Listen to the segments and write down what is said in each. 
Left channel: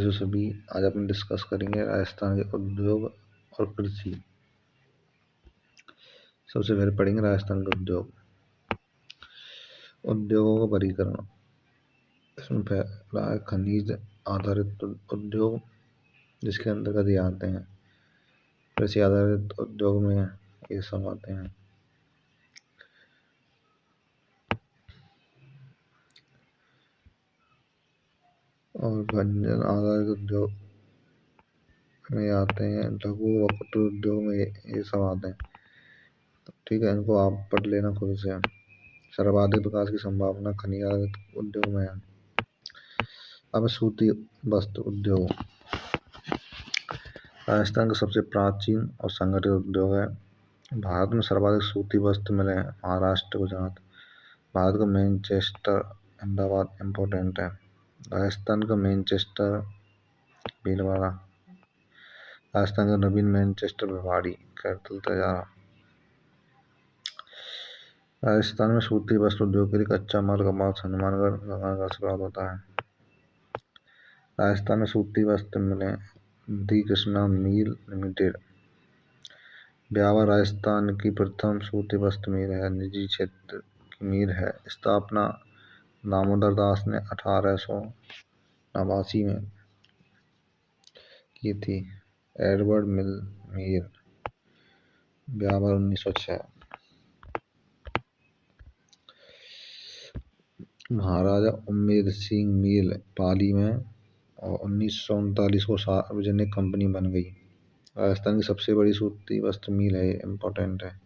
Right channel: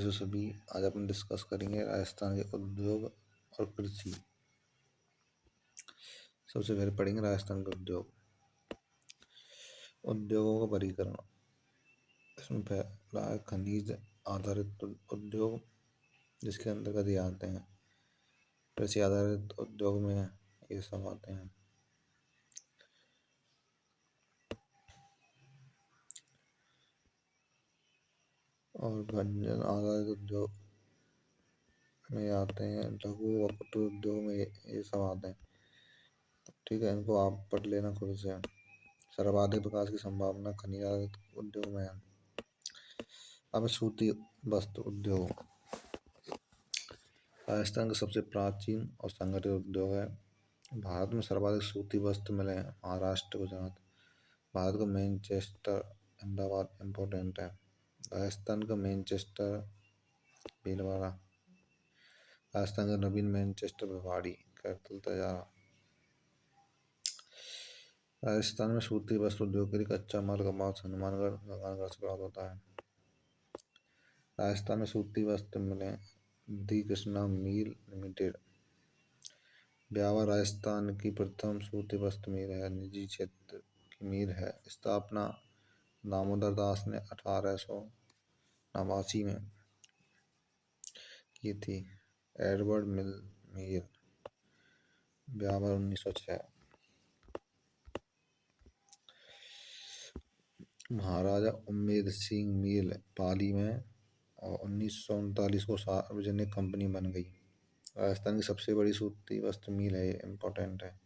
जो सभी आज अपन डिस्कस करेंगे राजस्थान के उद्योग और कृषि। सबसे पहले पढ़ेंगे राजस्थान के उद्योगों का वर्गीकरण। इसमें पहला है खनिज आधारित उद्योग, जिसके अंतर्गत ये आते हैं। कृषि आधारित उद्योग में ये सब आते हैं। और व्यंजन आधारित उद्योग में आते हैं। लघु व कुटीर उद्योग में ये सब आते हैं। ठीक है, इनको आप पढ़ लेना खुद से। सर्वाधिक विकास की संभावना खनिज आधारित उद्योग में है। अब सूती वस्त्र उद्योग राजस्थान का सबसे प्राचीन और संगठित उद्योग है। भारत में सर्वाधिक सूती वस्त्र मिले हैं महाराष्ट्र, गुजरात। भारत का मैनचेस्टर, अहमदाबाद इम्पोर्टेंट है। राजस्थान का मैनचेस्टर, भीलवाड़ा। राजस्थान का नवीन मैनचेस्टर, भिवाड़ी, कैपिटल तैयारा। राजस्थान में सूती वस्त्र उद्योग के लिए कच्चा माल कपास हनुमानगढ़, गंगानगर से प्राप्त होता है। राजस्थान में सूती वस्त्र मिले दी कृष्णा मिल लिमिटेड, ब्यावर राजस्थान की प्रथम सूती वस्त्र मिल है। निजी क्षेत्र की मिल है। स्थापना दामोदर दास ने 1889 में की थी। एडवर्ड मिल मील, ब्यावर 1906। महाराजा उम्मेद सिंह मिल पाली में, और 1939 को सार्वजनिक कंपनी बन गई। राजस्थान की सबसे बड़ी सूती वस्त्र मिल है, इम्पोर्टेंट है।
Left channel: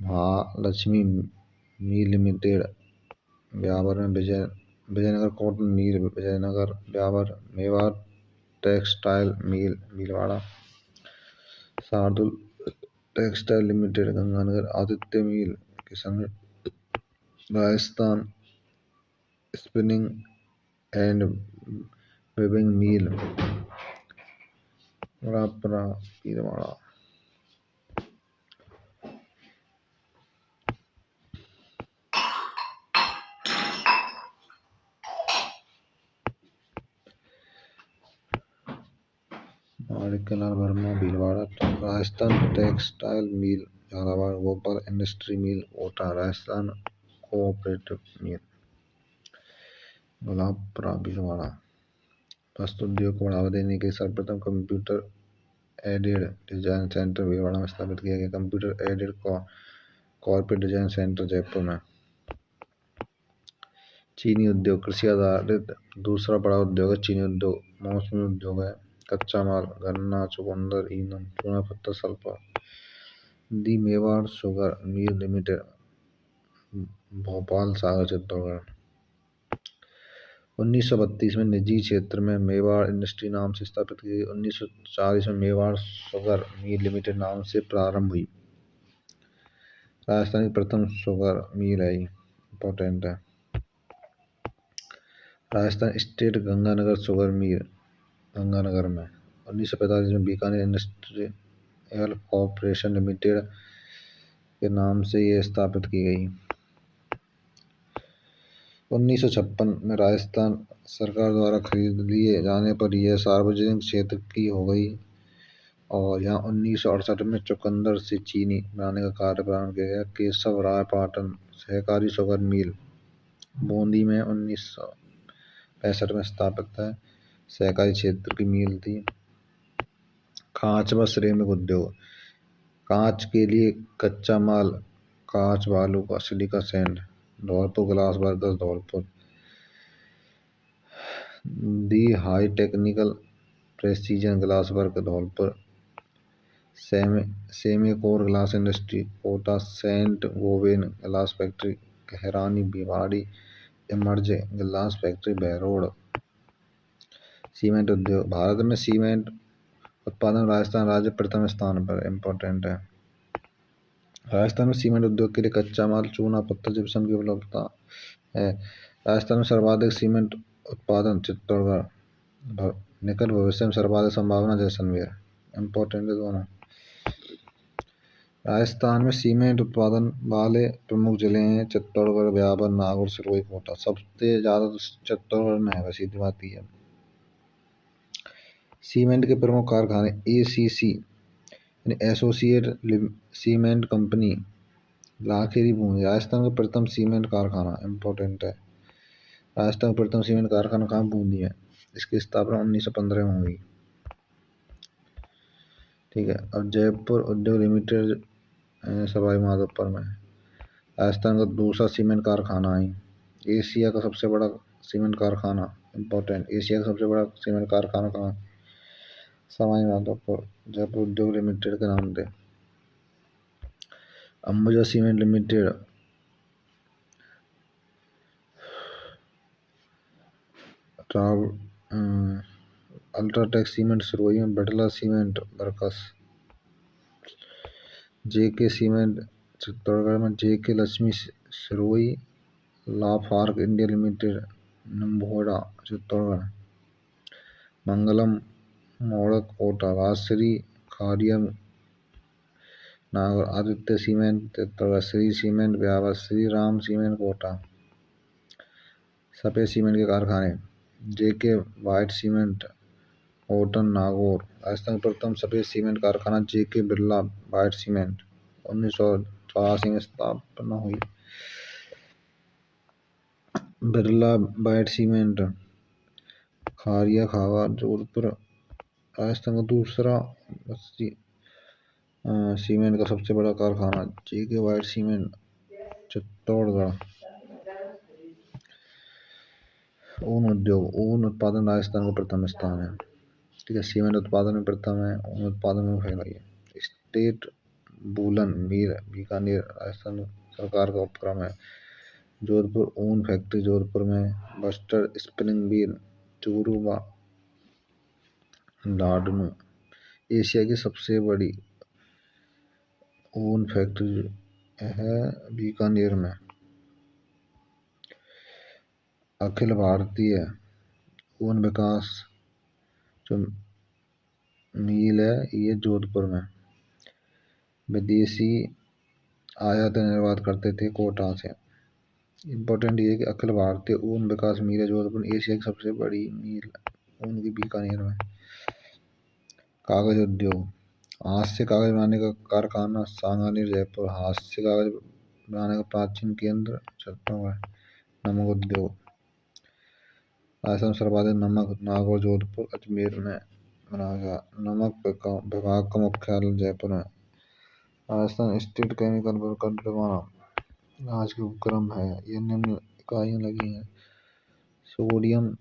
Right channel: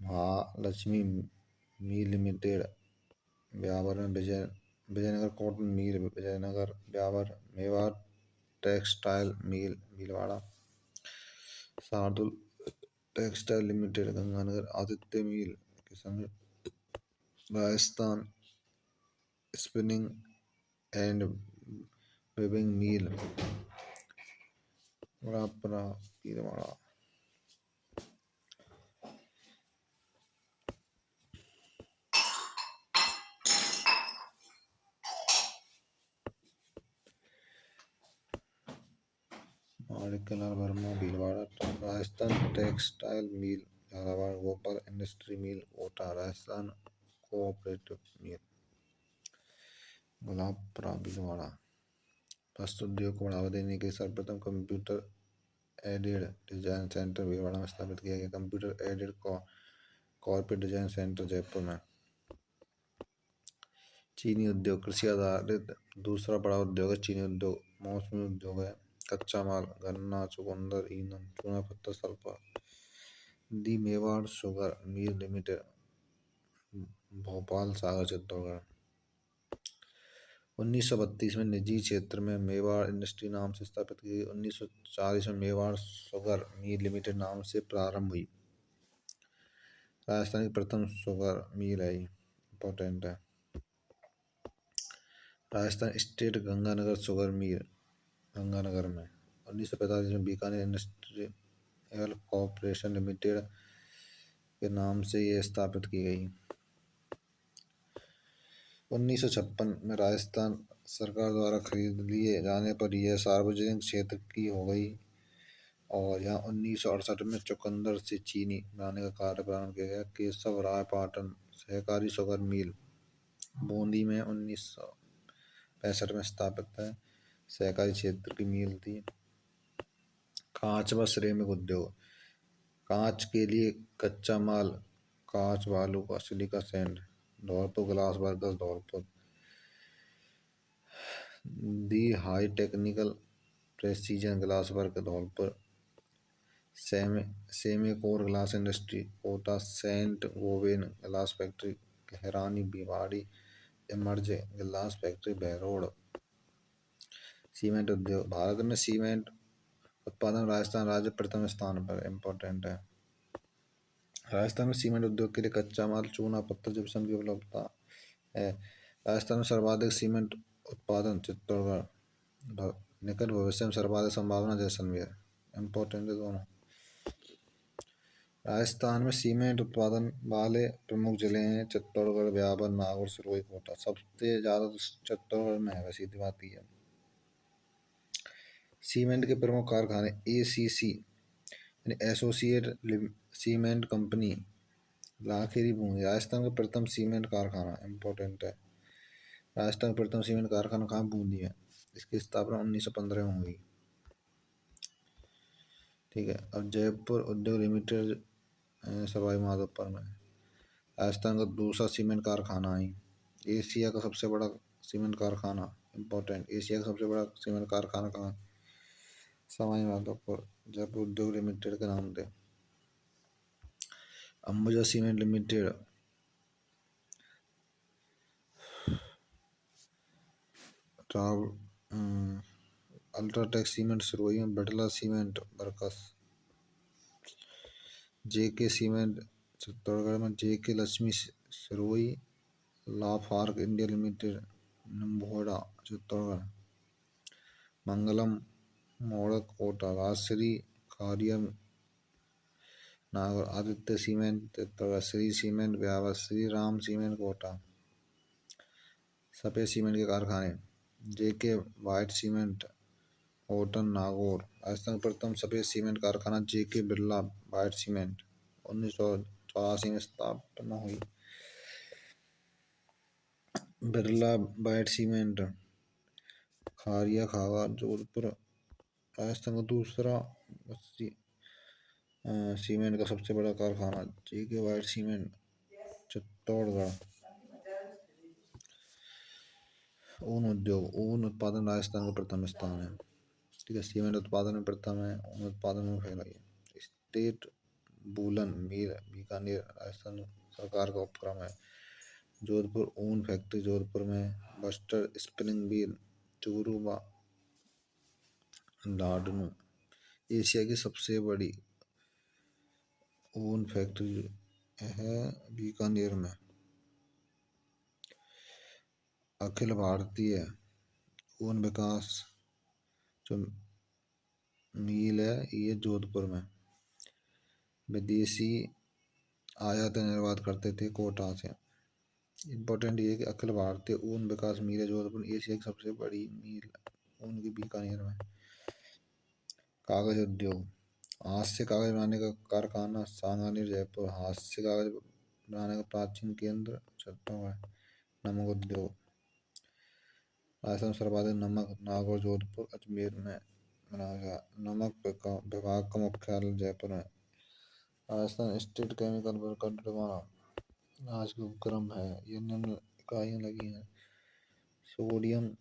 महालक्ष्मी मिल लिमिटेड, ब्यावर में। Vijaynagar cotton mill, Vijaynagar, Beawar. Mewar textile mill, Bhilwara. Shardul textile limited, Ganganagar. Aditya mill, Kishangarh. Rajasthan spinning and weaving mill, Rapra, Bhilwara. Manikyalal Verma, Bhilwara. Rajasthan textile mill, Jhalawar. Gopal industry mill, Kota. Rajasthan cooperative mill, Gulabpura, Bhilwara. वस्त्र उद्योग को बढ़ावा देने के सर्वप्रथम computer aided design centre Bhilwara में स्थापित किया गया। Computer aided corporate design centre Jaipur में। चीनी उद्योग कृषि आधारित दूसरा बड़ा उद्योग है। चीनी उद्योग मौसमी उद्योग है। कच्चा माल गन्ना, चुकंदर, ईंधन, चूना पत्थर, sulphur. The Mewar sugar mill limited, Bhopal, Sagar, Chittorgarh. 1932 में निजी क्षेत्र में मेवाड़ इंडस्ट्री नाम से स्थापित की गई। 1940 में मेवाड़ शुगर मिल लिमिटेड नाम से प्रारंभ हुई। राजस्थान की प्रथम शुगर मिल है, इम्पोर्टेंट है। Rajasthan state Ganganagar sugar mill, Ganganagar में। 1945 में बीकानेर इंडस्ट्रियल कॉर्पोरेशन लिमिटेड के नाम से ये स्थापित की गई। 1956 में राजस्थान सरकार द्वारा खरीद लिए जाने पर यह सार्वजनिक क्षेत्र की हो गई। और यहाँ 1968 में चुकंदर से चीनी बनाने का कार्य प्रारंभ किया गया। केशव राय पाटन सहकारी शुगर मिल, बूंदी में 1965 में स्थापित है। सहकारी क्षेत्र की मिल थी। कांच व सिरेमिक उद्योग, कांच के लिए कच्चा माल कांच, बालू का, silica sand, Dholpur. Glass workers, Dholpur. The high technical precision glass work, Dholpur. Semcor glass industry, Kota. Saint Gobain glass factory, Kaharani, Bhiwadi. Emerge glass factory, Behror. Cement उद्योग भारत में सीमेंट उत्पादन राजस्थान राज्य प्रथम स्थान पर, इम्पोर्टेंट है। राजस्थान में सीमेंट उद्योग के लिए कच्चा माल चूना पत्थर जिप्सम की उपलब्धता है। राजस्थान में सर्वाधिक सीमेंट उत्पादन चित्तौड़गढ़। निकट भविष्य में सर्वाधिक संभावना जैसलमेर, इम्पोर्टेंट है दोनों। राजस्थान में सीमेंट उत्पादन वाले प्रमुख जिले हैं चित्तौड़गढ़, ब्यावर, नागौर, सिरोही, कोटा। सबसे ज़्यादा तो चित्तौड़गढ़ में है, सीधी बात ही है। सीमेंट के प्रमुख कारखाने ACC यानी associate cement company Lakheri Bundi. Rajasthan का प्रथम सीमेंट कारखाना इम्पोर्टेंट है। राजस्थान का प्रथम सीमेंट कारखाना कहाँ बूंदी है। इसकी स्थापना 1915 में हुई। ठीक है। अब जयपुर उद्योग लिमिटेड सवाई माधोपुर में। राजस्थान का दूसरा सीमेंट कारखाना है। एशिया का सबसे बड़ा सीमेंट कारखाना इम्पोर्टेंट। एशिया का सबसे बड़ा सीमेंट कारखाना कहाँ। सवाई माधोपुर जयपुर उद्योग लिमिटेड के नाम से। Ambuja cement limited UltraTech cement Sirohi में। बिड़ला सीमेंट बरकस। JK सीमेंट चित्तौड़गढ़ में। JK Lakshmi Sirohi. Lafarge India limited नंबोड़ा Chittorgarh. Mangalam Modak Kota. Rajshree Kharia Nagaur. Aditya cement Chittorgarh. Shree cement Beawar. Shri Ram cement Kota. सफेद सीमेंट के कारखाने JK वाइट सीमेंट होटन नागौर। राजस्थान का प्रथम सफेद सीमेंट कारखाना JK बिरला वाइट सीमेंट 1984 में स्थापना हुई। बिरला वाइट सीमेंट खारिया खागा जोधपुर। राजस्थान का दूसरा सीमेंट का सबसे बड़ा कारखाना JK वाइट सीमेंट चित्तौड़गढ़। ऊन उद्योग। ऊन उत्पादन राजस्थान का प्रथम स्थान है। ठीक है। सीमेंट उत्पादन में प्रथम है। ऊन उत्पादन में पहला है। स्टेट वूलन मिल बीकानेर राजस्थान सरकार का उपक्रम है। जोधपुर ऊन फैक्ट्री जोधपुर में। बस्टर स्पिनिंग मिल चूरू व लाडनू। एशिया की सबसे बड़ी ऊन फैक्ट्री है बीकानेर में। अखिल भारतीय ऊन विकास जो मिल है ये जोधपुर में। विदेशी आयात निर्यात करते थे कोटा से। इम्पोर्टेंट ये है कि अखिल भारतीय ऊन विकास मिल है जोधपुर। एशिया की सबसे बड़ी मिल ऊन की बीकानेर में। कागज उद्योग। हाथ से कागज बनाने का कारखाना सांगानेर जयपुर। हाथ से कागज बनाने का प्राचीन केंद्र छत्तीसगढ़। नमक उद्योग। राजस्थान सर्वाधिक नमक नागौर जोधपुर अजमेर में बनाया गया। नमक विभाग का मुख्यालय जयपुर में। राजस्थान स्टेट केमिकल वर्क आज के उपक्रम है। ये निम्न इकाइयाँ लगी हैं। सोडियम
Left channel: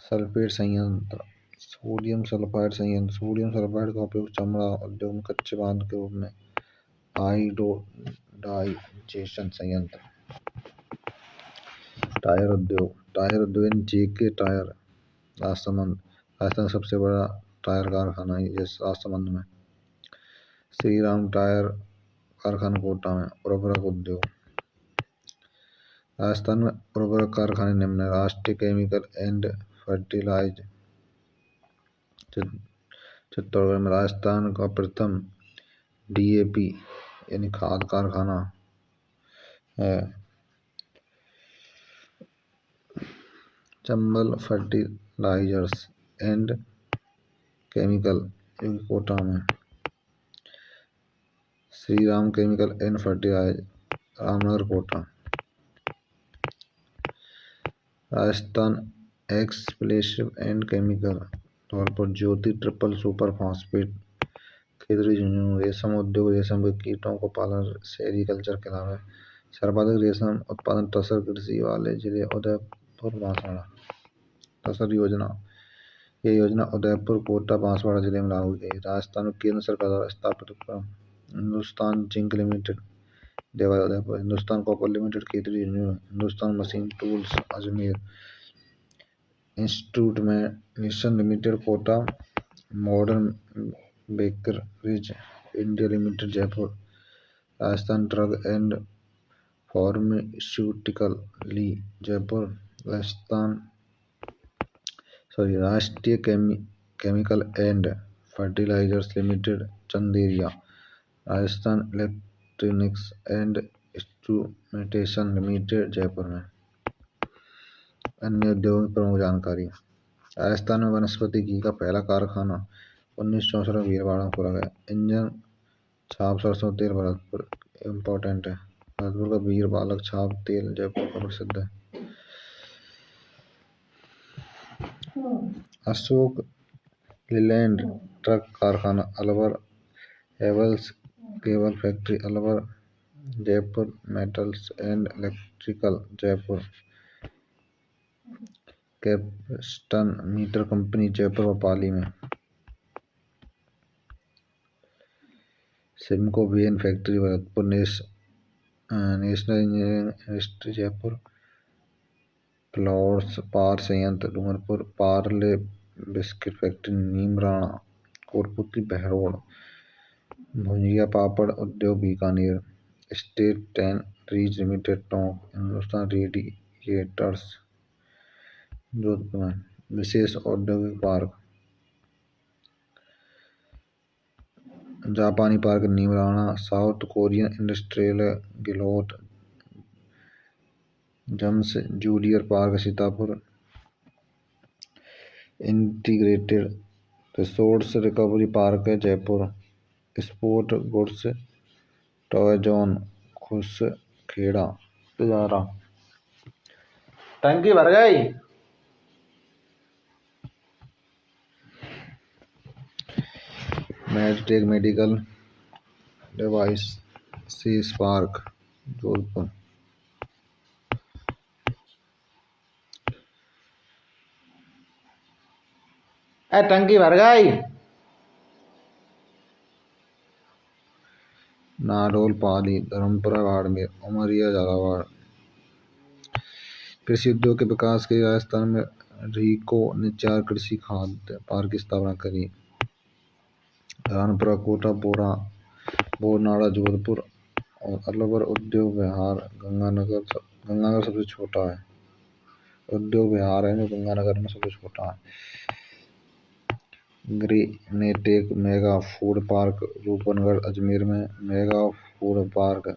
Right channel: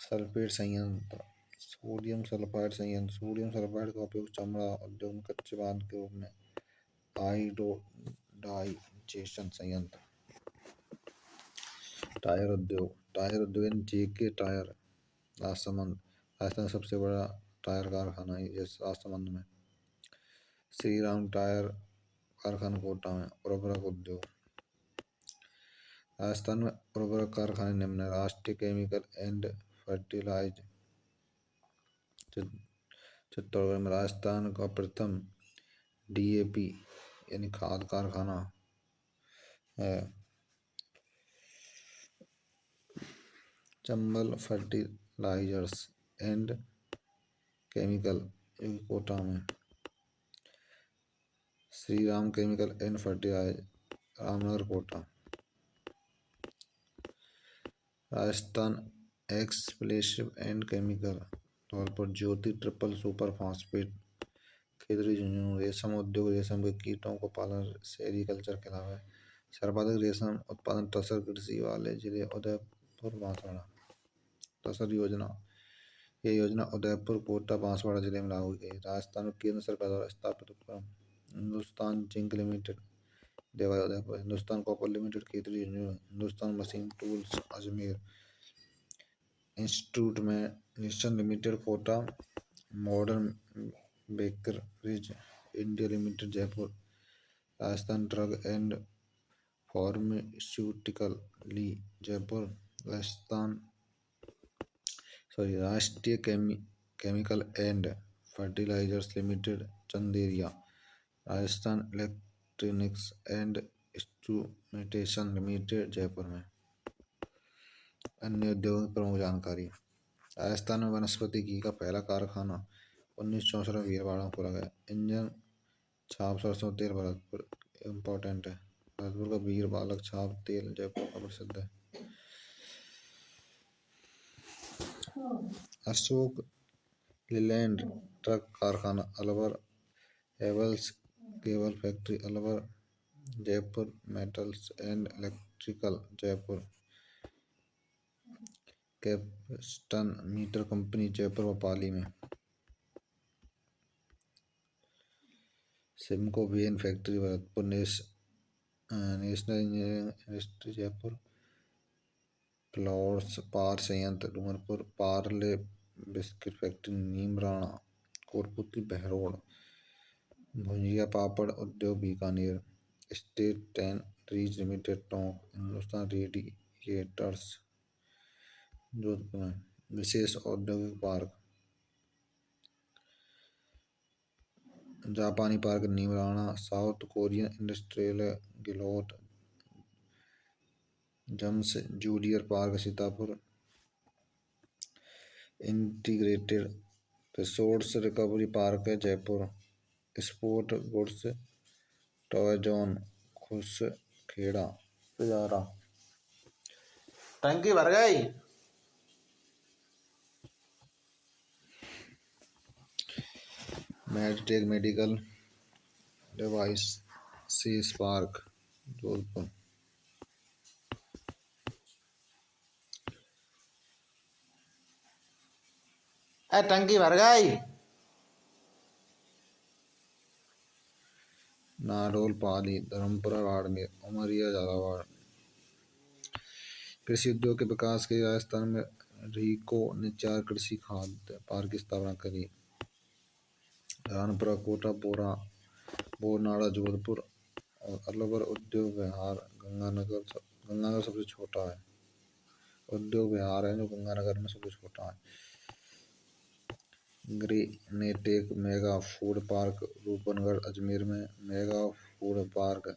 सल्फेट संयंत्र। सोडियम सल्फाइड संयंत्र। सोडियम सल्फाइड का उपयोग चमड़ा उद्योग में कच्चे पदार्थ के रूप में। हाइड्रोडाइजेशन संयंत्र। टायर उद्योग। टायर उद्योग JK टायर राजसमंद। राजस्थान सबसे बड़ा टायर कारखाना है इस राजसमंद में। श्री राम टायर कारखाना कोटा में। उर्वरक उद्योग। राजस्थान में उर्वरक कारखाने निम्न है। राष्ट्रीय केमिकल एंड फर्टिलाइज चित्तौड़गढ़ में। राजस्थान का प्रथम DAP यानी खाद कारखाना है। Chambal fertilisers and chemical Kota में। Shri Ram chemical and fertilise Ramnagar Kota. Rajasthan explosive and chemical Dholpur. Jyoti triple super phosphate Khetri Jhunjhunu. रेशम उद्योग। रेशम के कीटों को पालन सेरीकल्चर के अलावा सर्वाधिक रेशम उत्पादन तसर कृषि वाले जिले उदयपुर बांसवाड़ा। तसर योजना। ये योजना उदयपुर कोटा बांसवाड़ा जिले में लागू की गई। राजस्थान में केंद्र सरकार द्वारा स्थापित उपक्रम Hindustan zinc limited Dewas Udaipur. Hindustan copper limited Khetri Jhunjhunu. Hindustan machine tools Ajmer. Institute में mission limited Kota. Modern bakeries India limited Jaipur. Rajasthan drug and pharmaceutical ली Jaipur. Rashtriya chemical and fertilisers limited Chanderiya. Rajasthan electronics and instrumentation limited Jaipur में। अन्य उद्योगों की प्रमुख जानकारी। राजस्थान में वनस्पति घी का पहला कारखाना 1964 में भीलवाड़ा में खोला गया। इंजन छाप सरसों तेल भरतपुर इम्पोर्टेंट है। भरतपुर का वीर बालक छाप तेल जयपुर का प्रसिद्ध है। अशोक लीलैंड ट्रक कारखाना Alwar. Havells cable factory Alwar. Jaipur metals and electrical Jaipur. Capstan meter company Jaipur व पाली में। सिमको वेन factory Bharatpur. National engineering university Jaipur. Fluorspar संयंत्र Dungarpur. Parle biscuit factory Neemrana. Kotputli Behror. Bhujia papad उद्योग Bikaner. State tanneries limited Tonk. Hindustan radiators Jodhpur में। विशेष औद्योगिक पार्क जापानी park Neemrana. South Korean industrial Ghiloth जम्स जूनियर park Sitapura. Integrated resource recovery park है Jaipur. Sport goods toy zone Khuskheda Tijara. टंकी भर गई। मेडटेक मेडिकल डिवाइस सीस पार्क जोधपुर। टंकी भर गई। नाडोल पाली धर्मपुरा बाड़मेर उमरिया झालावाड़। कृषि उद्योग के विकास के लिए राजस्थान में रीको ने 4 कृषि खाद्य पार्क की स्थापना करी। रानपुरा कोटा बोरनाड़ा जोधपुर और अलवर। उद्योग विहार गंगानगर सबसे छोटा है। उद्योग विहार है जो गंगानगर में सबसे छोटा है। Greentech mega food park Roopangarh Ajmer में। Mega food park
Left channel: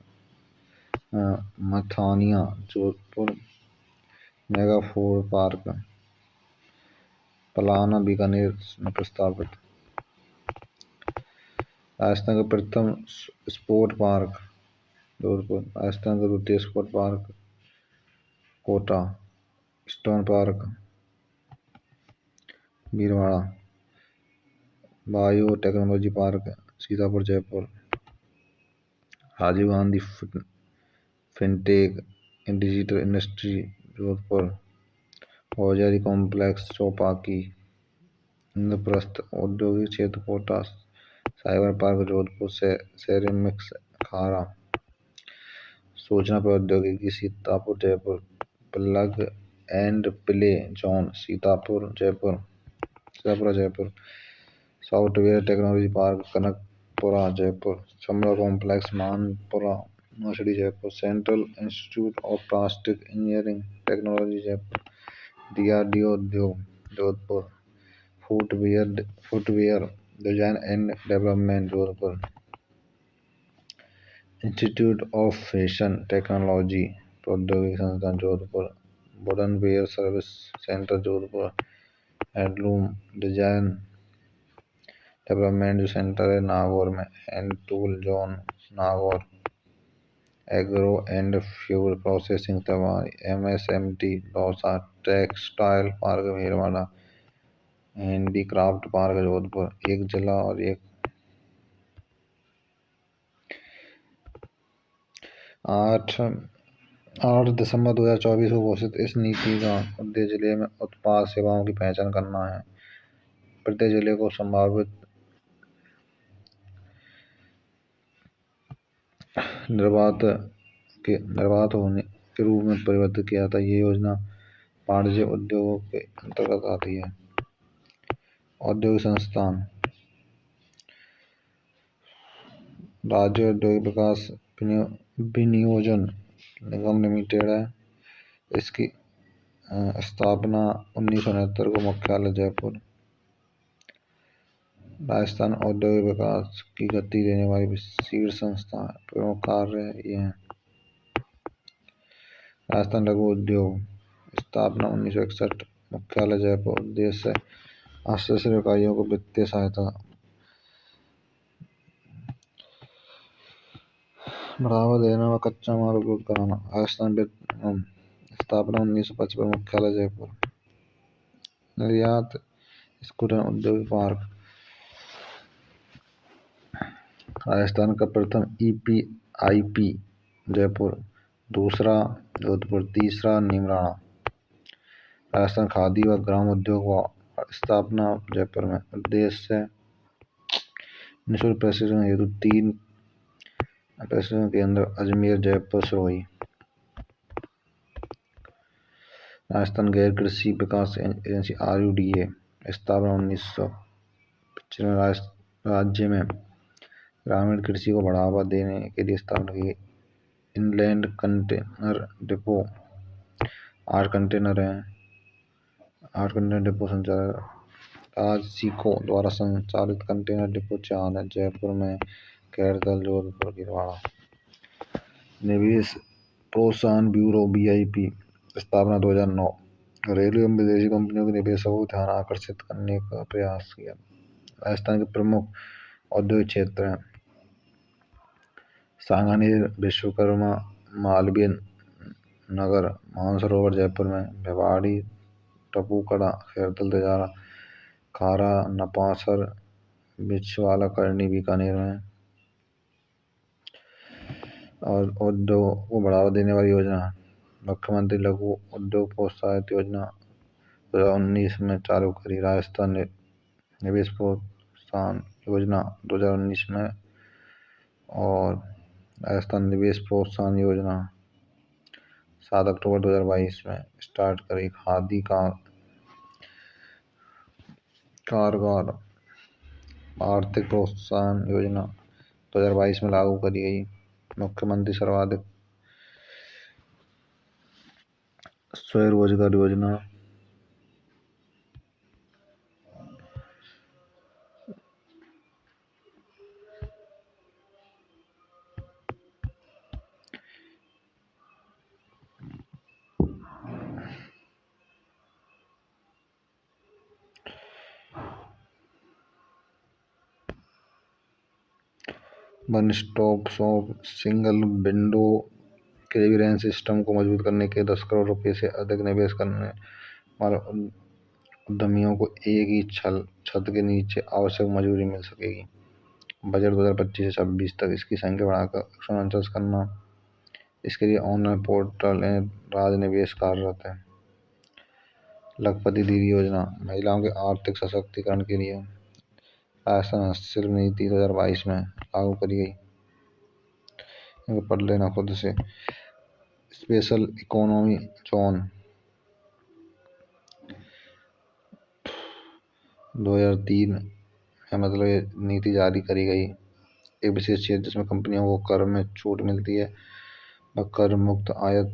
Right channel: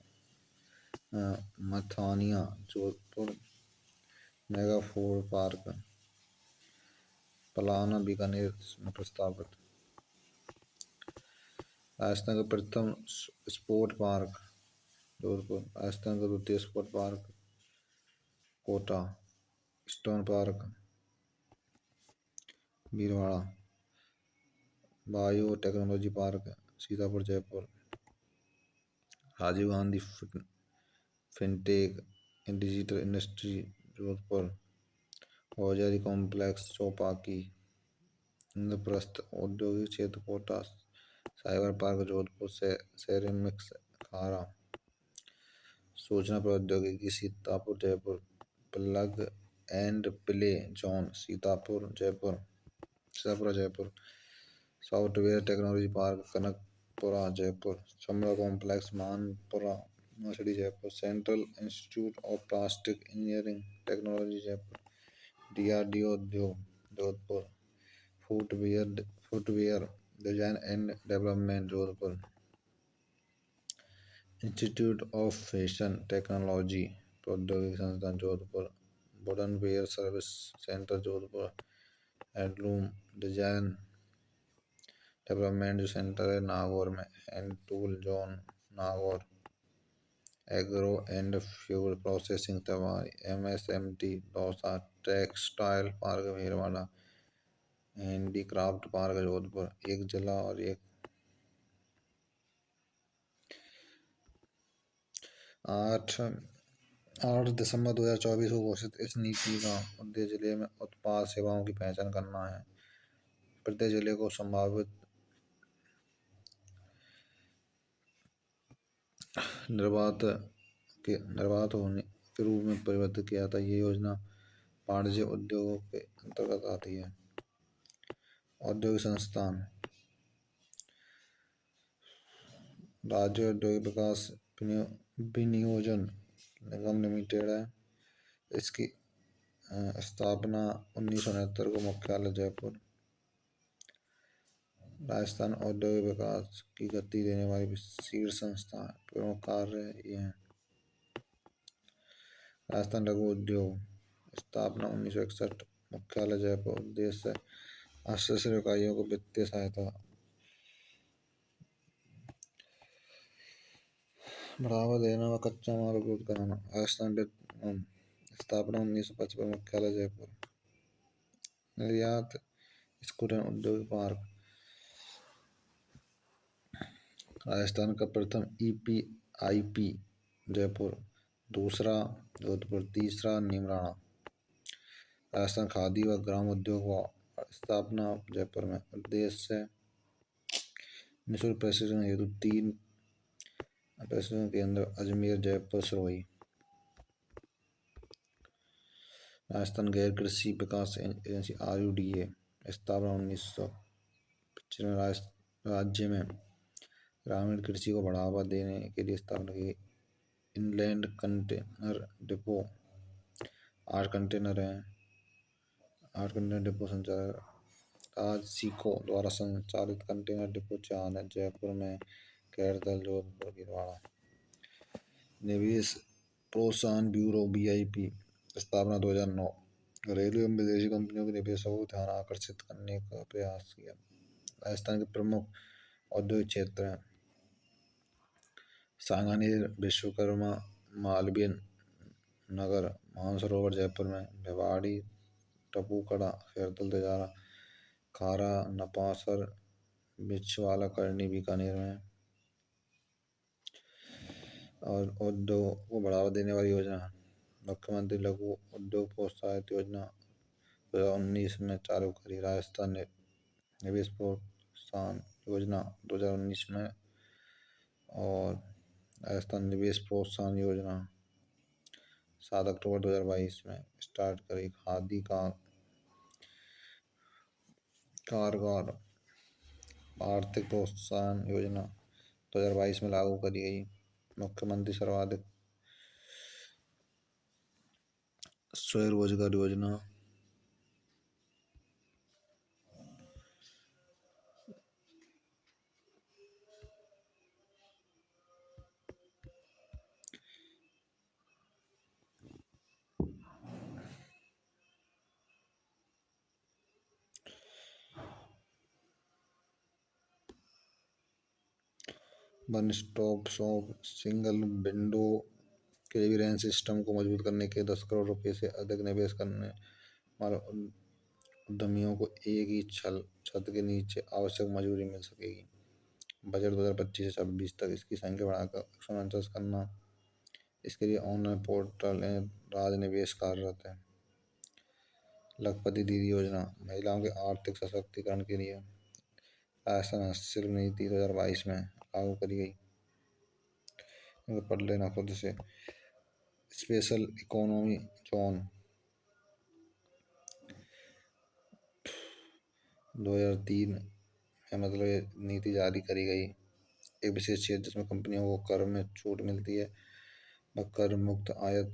Mathania Jodhpur. Mega food park Palana Bikaner में प्रस्तावित। राजस्थान का प्रथम स्पोर्ट पार्क जोधपुर। राजस्थान का द्वितीय sport park Kota. Stone park Bhilwara. Bio technology park Sitapura Jaipur. Rajiv Gandhi fintech digital industry Jodhpur. औजारी कॉम्प्लेक्स चौपाकी। इंद्रप्रस्थ औद्योगिक क्षेत्र कोटा। साइबर पार्क जोधपुर से सेरेमिक्स खारा। सूचना प्रौद्योगिकी Sitapura Jaipur. Plug and play zone Sitapura Jaipur. Software technology park Kanakpura Jaipur. चमड़ा complex Manpura Naushri Jaipur. Central institute of plastic engineering technology Jaipur. DRDO उद्योग Jodhpur. Footwear design and development Jodhpur. Institute of fashion technology प्रौद्योगिकी संस्थान Jodhpur. Wooden ware service centre Jodhpur. Handloom design development जो centre है नागौर में। Hand tool zone Nagaur. Agro and fuel processing Tawai. MSMT Dausa. Textile park Bhilwara. Handicraft park Jodhpur. एक जिला और एक 8 दिसंबर 2024 को घोषित। इस नीति का उद्देश्य जिले में उत्पाद सेवाओं की पहचान करना है। प्रत्येक जिले को संभावित निर्बाध होने के रूप में परिवर्तित किया था। ये योजना वाणिज्य उद्योगों के अंतर्गत आती है। औद्योगिक संस्थान राज्य औद्योगिक विकास विनियोजन निगम लिमिटेड है। इसकी स्थापना 1969 को। मुख्यालय जयपुर। राजस्थान औद्योगिक विकास की गति देने वाली शीर्ष संस्था है। प्रमुख कार्य ये हैं। राजस्थान लघु उद्योग स्थापना 1961। मुख्यालय जयपुर। उद्देश्य हस्तशिल्प इकाइयों को वित्तीय सहायता बढ़ावा देना व कच्चा माल उपलब्ध कराना। राजस्थान विपणन स्थापना 1955। मुख्यालय जयपुर। निर्यात स्कूटर औद्योगिक पार्क। राजस्थान का प्रथम EPIP जयपुर, दूसरा जोधपुर, तीसरा नीमराणा। राजस्थान खादी व ग्राम उद्योग स्थापना जयपुर में। उद्देश्य निःशुल्क प्रशिक्षण हेतु 3 प्रशिक्षण केंद्र अजमेर जयपुर सिरोही। राजस्थान गैर कृषि विकास एजेंसी RUDA स्थापना 1995। राज्य में ग्रामीण कृषि को बढ़ावा देने के लिए स्थापना की। इनलैंड कंटेनर डिपो 8 कंटेनर हैं। 8 कंटेनर डिपो संचालक आज सीको द्वारा संचालित कंटेनर डिपो 4 है। जयपुर में, कैरतल, जोधपुर, गिरवाड़ा। निवेश प्रोत्साहन ब्यूरो BIP स्थापना 2009। रेलवे एवं विदेशी कंपनियों के निवेशकों को ध्यान आकर्षित करने का प्रयास किया। राजस्थान के प्रमुख औद्योगिक क्षेत्र हैं सांगानेर, विश्वकर्मा, मालवीय नगर, मानसरोवर जयपुर में, भिवाड़ी, टपूकड़ा, खैरतल, तेजारा, खारा, नपासर, बिछवाला, करनी बीकानेर में। और उद्योग को बढ़ावा देने वाली योजना मुख्यमंत्री लघु उद्योग प्रोत्साहन योजना 2019 में चालू करी। राजस्थान निवेश प्रोत्साहन योजना 2019 में और राजस्थान निवेश प्रोत्साहन योजना 7 अक्टूबर 2022 में स्टार्ट करी। खादी का कारगर आर्थिक प्रोत्साहन योजना 2022 में लागू करी गई। मुख्यमंत्री सर्वाधिक स्वरोजगार योजना one stop shop single window clearance system को मजबूत करने के 10 करोड़ रुपए से अधिक निवेश करने वाले उद्यमियों को एक ही छत के नीचे आवश्यक मजदूरी मिल सकेगी। बजट 2025 से 26 तक इसकी संख्या बढ़ाकर 149 करना। इसके लिए ऑनलाइन पोर्टल राज निवेश कार्यरत है। लखपति दीदी योजना महिलाओं के आर्थिक सशक्तिकरण के लिए राजस्थान हस्तशिल्प नीति 2022 में लागू करी गई। इनको पढ़ लेना खुद से। स्पेशल इकोनॉमी जोन 2003 में मतलब ये नीति जारी करी गई। एक विशेष क्षेत्र जिसमें कंपनियों को कर में छूट मिलती है व कर मुक्त आयात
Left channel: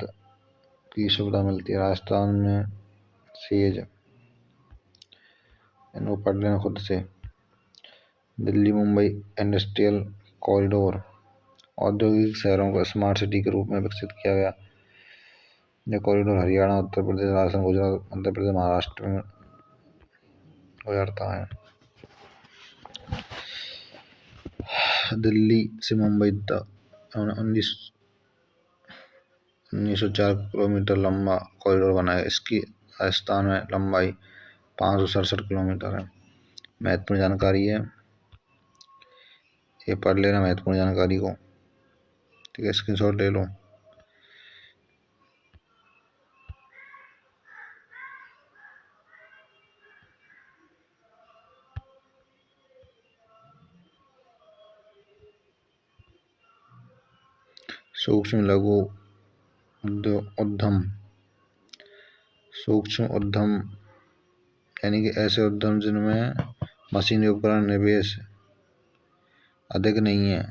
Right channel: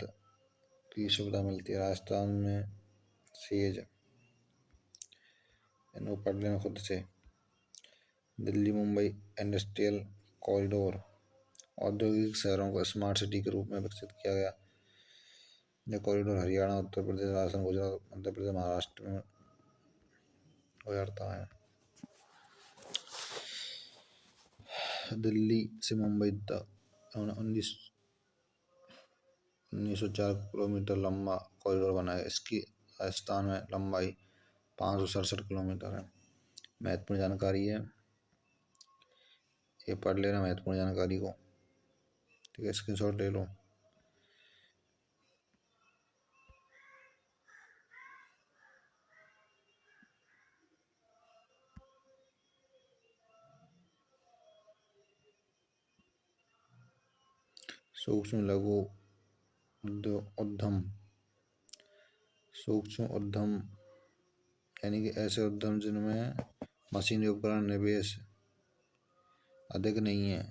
की सुविधा मिलती है। राजस्थान में सेज इनको पढ़ लेना खुद से। दिल्ली मुंबई इंडस्ट्रियल कॉरिडोर औद्योगिक शहरों को स्मार्ट सिटी के रूप में विकसित किया गया। यह कॉरिडोर हरियाणा, उत्तर प्रदेश, राजस्थान, गुजरात, मध्य प्रदेश, महाराष्ट्र में गुजरता है। दिल्ली से मुंबई तक 1904 किलोमीटर लंबा कॉरिडोर बना है। इसकी राजस्थान में लंबाई 567 किलोमीटर है। महत्वपूर्ण जानकारी है, ये पढ़ लेना महत्वपूर्ण जानकारी को। ठीक है, स्क्रीनशॉट ले लो। सूक्ष्म लघु उद्यम सूक्ष्म उद्यम यानी कि ऐसे उद्यम जिनमें मशीन उपकरण निवेश अधिक नहीं है।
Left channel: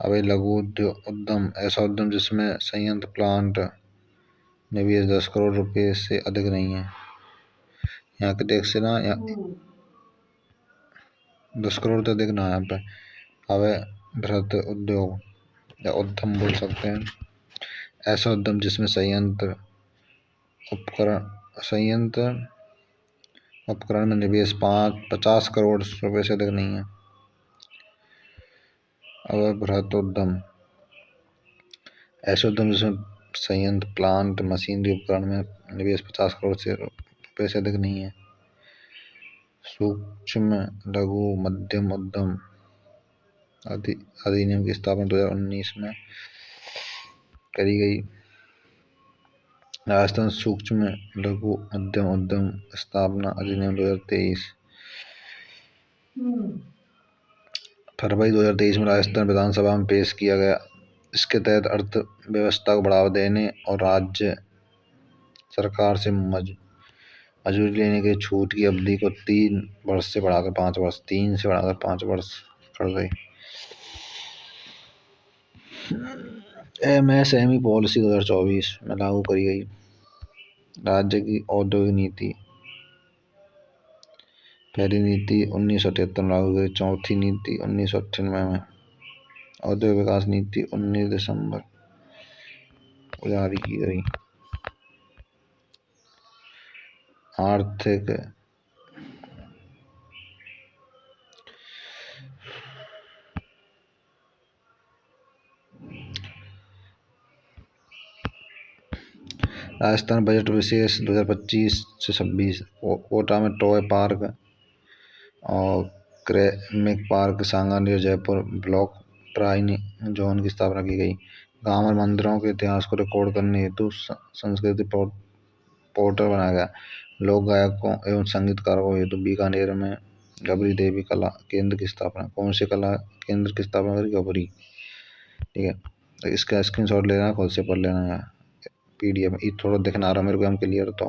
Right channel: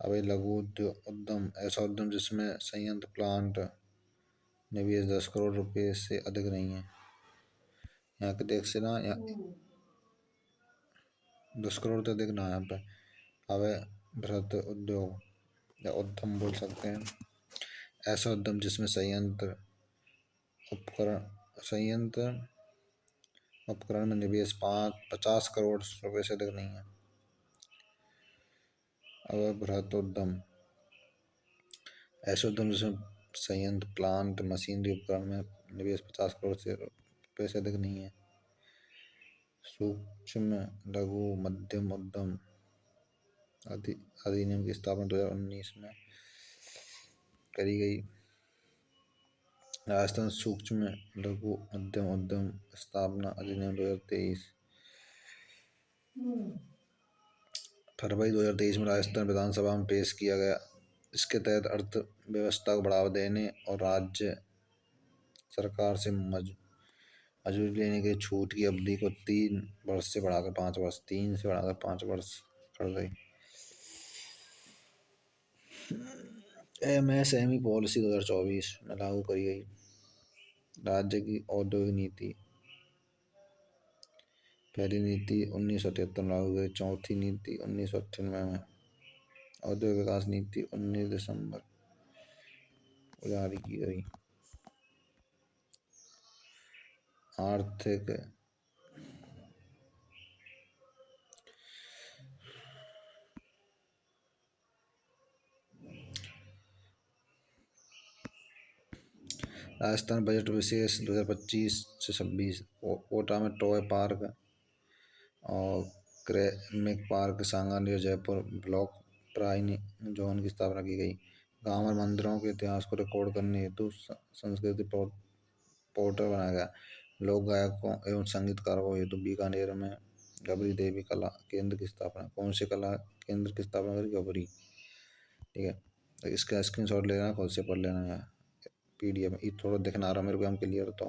अब लघु उद्यम ऐसा उद्यम जिसमें संयंत्र प्लांट निवेश 10 करोड़ रुपए से अधिक नहीं है। यहाँ के देख से ना 10 करोड़ तो अधिक ना यहाँ पे। अब बृहद उद्योग या उद्यम बोल सकते हैं ऐसा उद्यम जिसमें संयंत्र उपकरण संयंत्र उपकरण में निवेश 50 करोड़ रुपए से अधिक नहीं है। अब बृहत उद्यम ऐसे उद्यम जिसमें संयंत्र प्लांट मशीनरी उपकरण में निवेश 50 करोड़ से रुपए से अधिक नहीं है। सूक्ष्म लघु मध्यम उद्यम अधिनियम की स्थापना 2019 में करी गई। राजस्थान सूक्ष्म लघु मध्यम उद्यम स्थापना अधिनियम 2023 फरवरी 2023 में राजस्थान विधानसभा में पेश किया गया। इसके तहत अर्थव्यवस्था को बढ़ावा देने और राज्य सरकार से मजदूरी लेने की छूट की अवधि को 3 वर्ष से बढ़ाकर 5 वर्ष 3 से बढ़ाकर 5 वर्ष कर गई। MSME पॉलिसी 2024 में लागू करी गई। राज्य की औद्योगिक नीति पहली नीति 1973 में लागू हुई। चौथी नीति 1998 में। औद्योगिक विकास नीति 19 दिसंबर को जारी की गई। आर्थिक राजस्थान बजट विशेष 2025 से 26 कोटा में टॉय पार्क और ceramic park Sanganer Jaipur block प्राइनी जोन की स्थापना की गई। गांव और मंदिरों के इतिहास को रिकॉर्ड करने हेतु संस्कृति पोर्टल बनाया गया। लोक गायकों एवं संगीतकारों हेतु बीकानेर में गबरी देवी कला केंद्र की स्थापना। कौन से कला केंद्र की स्थापना करी? गबरी। ठीक है, इसका स्क्रीनशॉट लेना, खुद से पढ़ लेना। PDF ये थोड़ा दिखना आ रहा मेरे को, हम क्लियर तो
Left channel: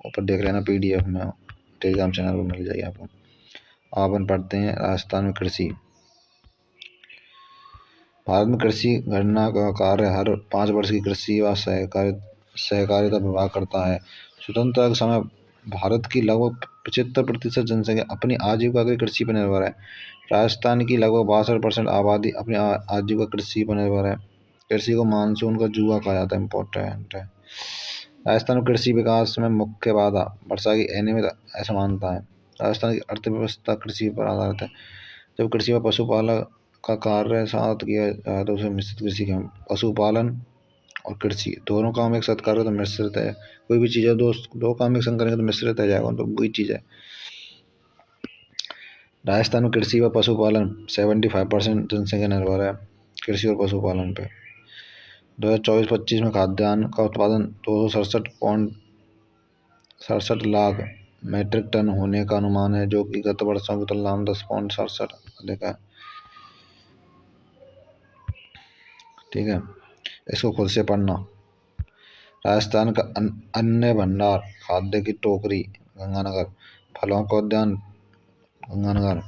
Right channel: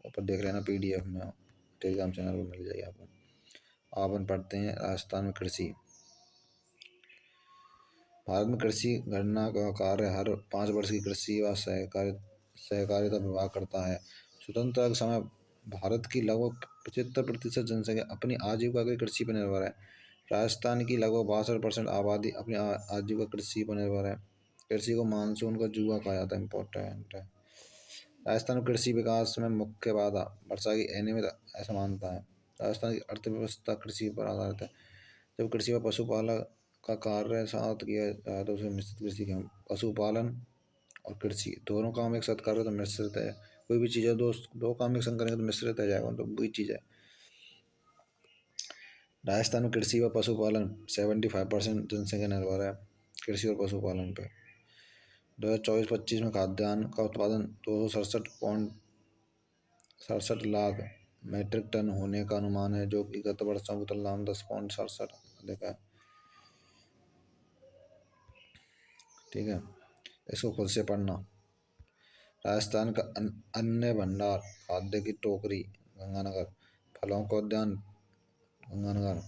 ऊपर देख लेना PDF में, टेलीग्राम चैनल पर मिल जाएगी आपको। अपन पढ़ते हैं राजस्थान में कृषि। भारत में कृषि गणना का कार्य हर 5 वर्ष की कृषि व सहकारिता विभाग करता है। स्वतंत्रता के समय भारत की लगभग 75% जनसंख्या अपनी आजीविका की कृषि पर निर्भर है। राजस्थान की लगभग 62% आबादी अपनी आजीविका कृषि पर निर्भर है। कृषि को मानसून का जुआ कहा जाता है, इम्पोर्टेंट है। राजस्थान में कृषि विकास में मुख्य बाधा वर्षा की अनियमित ऐसा मानता है। राजस्थान की अर्थव्यवस्था कृषि पर आधारित है। जब कृषि व पशुपालन का कार्य साथ किया जाए तो उसे मिश्रित कृषि कहते हैं। पशुपालन और कृषि दोनों काम एक साथ करें तो मिश्रित है। कोई भी चीज़ है दो काम एक संग करेंगे तो मिश्रित है जाएगा, तो वही चीज़ है। राजस्थान में कृषि व पशुपालन 75% जनसंख्या निर्भर है कृषि और पशुपालन पे। 2024-25 में खाद्यान्न का उत्पादन 267 लाख मीट्रिक टन होने का अनुमान है, जो कि गत वर्षों की तुलना में 10.67 अधिक है। ठीक है, इसको खुद से पढ़ना। राजस्थान का अन्य भंडार खाद्य की टोकरी गंगानगर, फलों का उद्यान गंगानगर,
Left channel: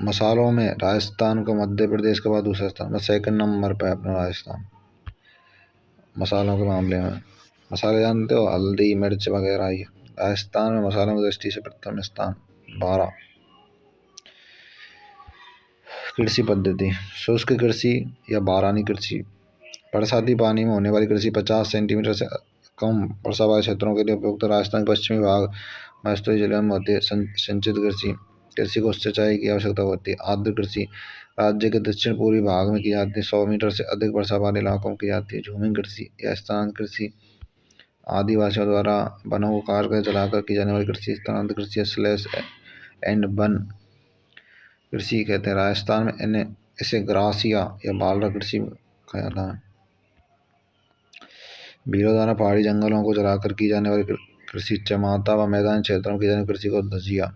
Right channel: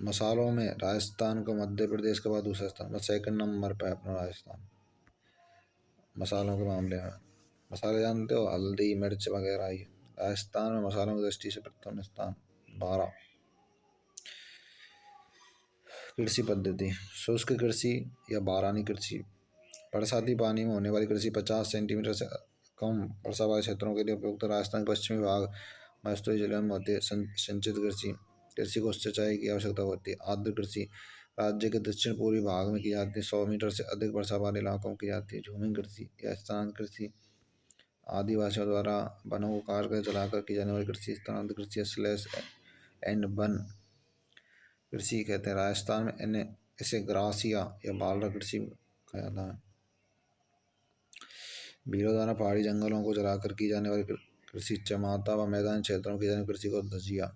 मसालों में राजस्थान को मध्य प्रदेश के बाद दूसरा स्थान, मतलब सेकंड नंबर पे अपना राजस्थान मसालों के मामले में। मसाले जानते हो, हल्दी मिर्च वगैरह। ये राजस्थान में मसालों की दृष्टि से प्रथम स्थान। 12 कृषि पद्धति शुष्क कृषि या बारानी कृषि। बरसाती पानी में होने वाली कृषि 50 सेंटीमीटर से कम वर्षा वाले क्षेत्रों के लिए उपयुक्त। राजस्थान के पश्चिमी भाग मस्तूरी जिले में होती है संचित कृषि। कृषि को सिंचाई की आवश्यकता होती है। आर्द्र कृषि राज्य के दक्षिण पूर्वी भाग में की जाती है। 100 मीटर से अधिक वर्षा वाले इलाकों में की जाती है। झूमिंग कृषि या स्थानांतरित कृषि आदिवासियों द्वारा वनों को काट कर जलाकर की जाने वाली कृषि स्थानांतरित कृषि स्लैश एंड बर्न कृषि कहते हैं। राजस्थान में इसे ग्रासिया या बालरा कृषि कहा जाता है। भीलों द्वारा पहाड़ी जंगलों को जलाकर की जाने वाली कृषि चमाता व मैदानी क्षेत्रों में की जाने वाली कृषि को धजिया।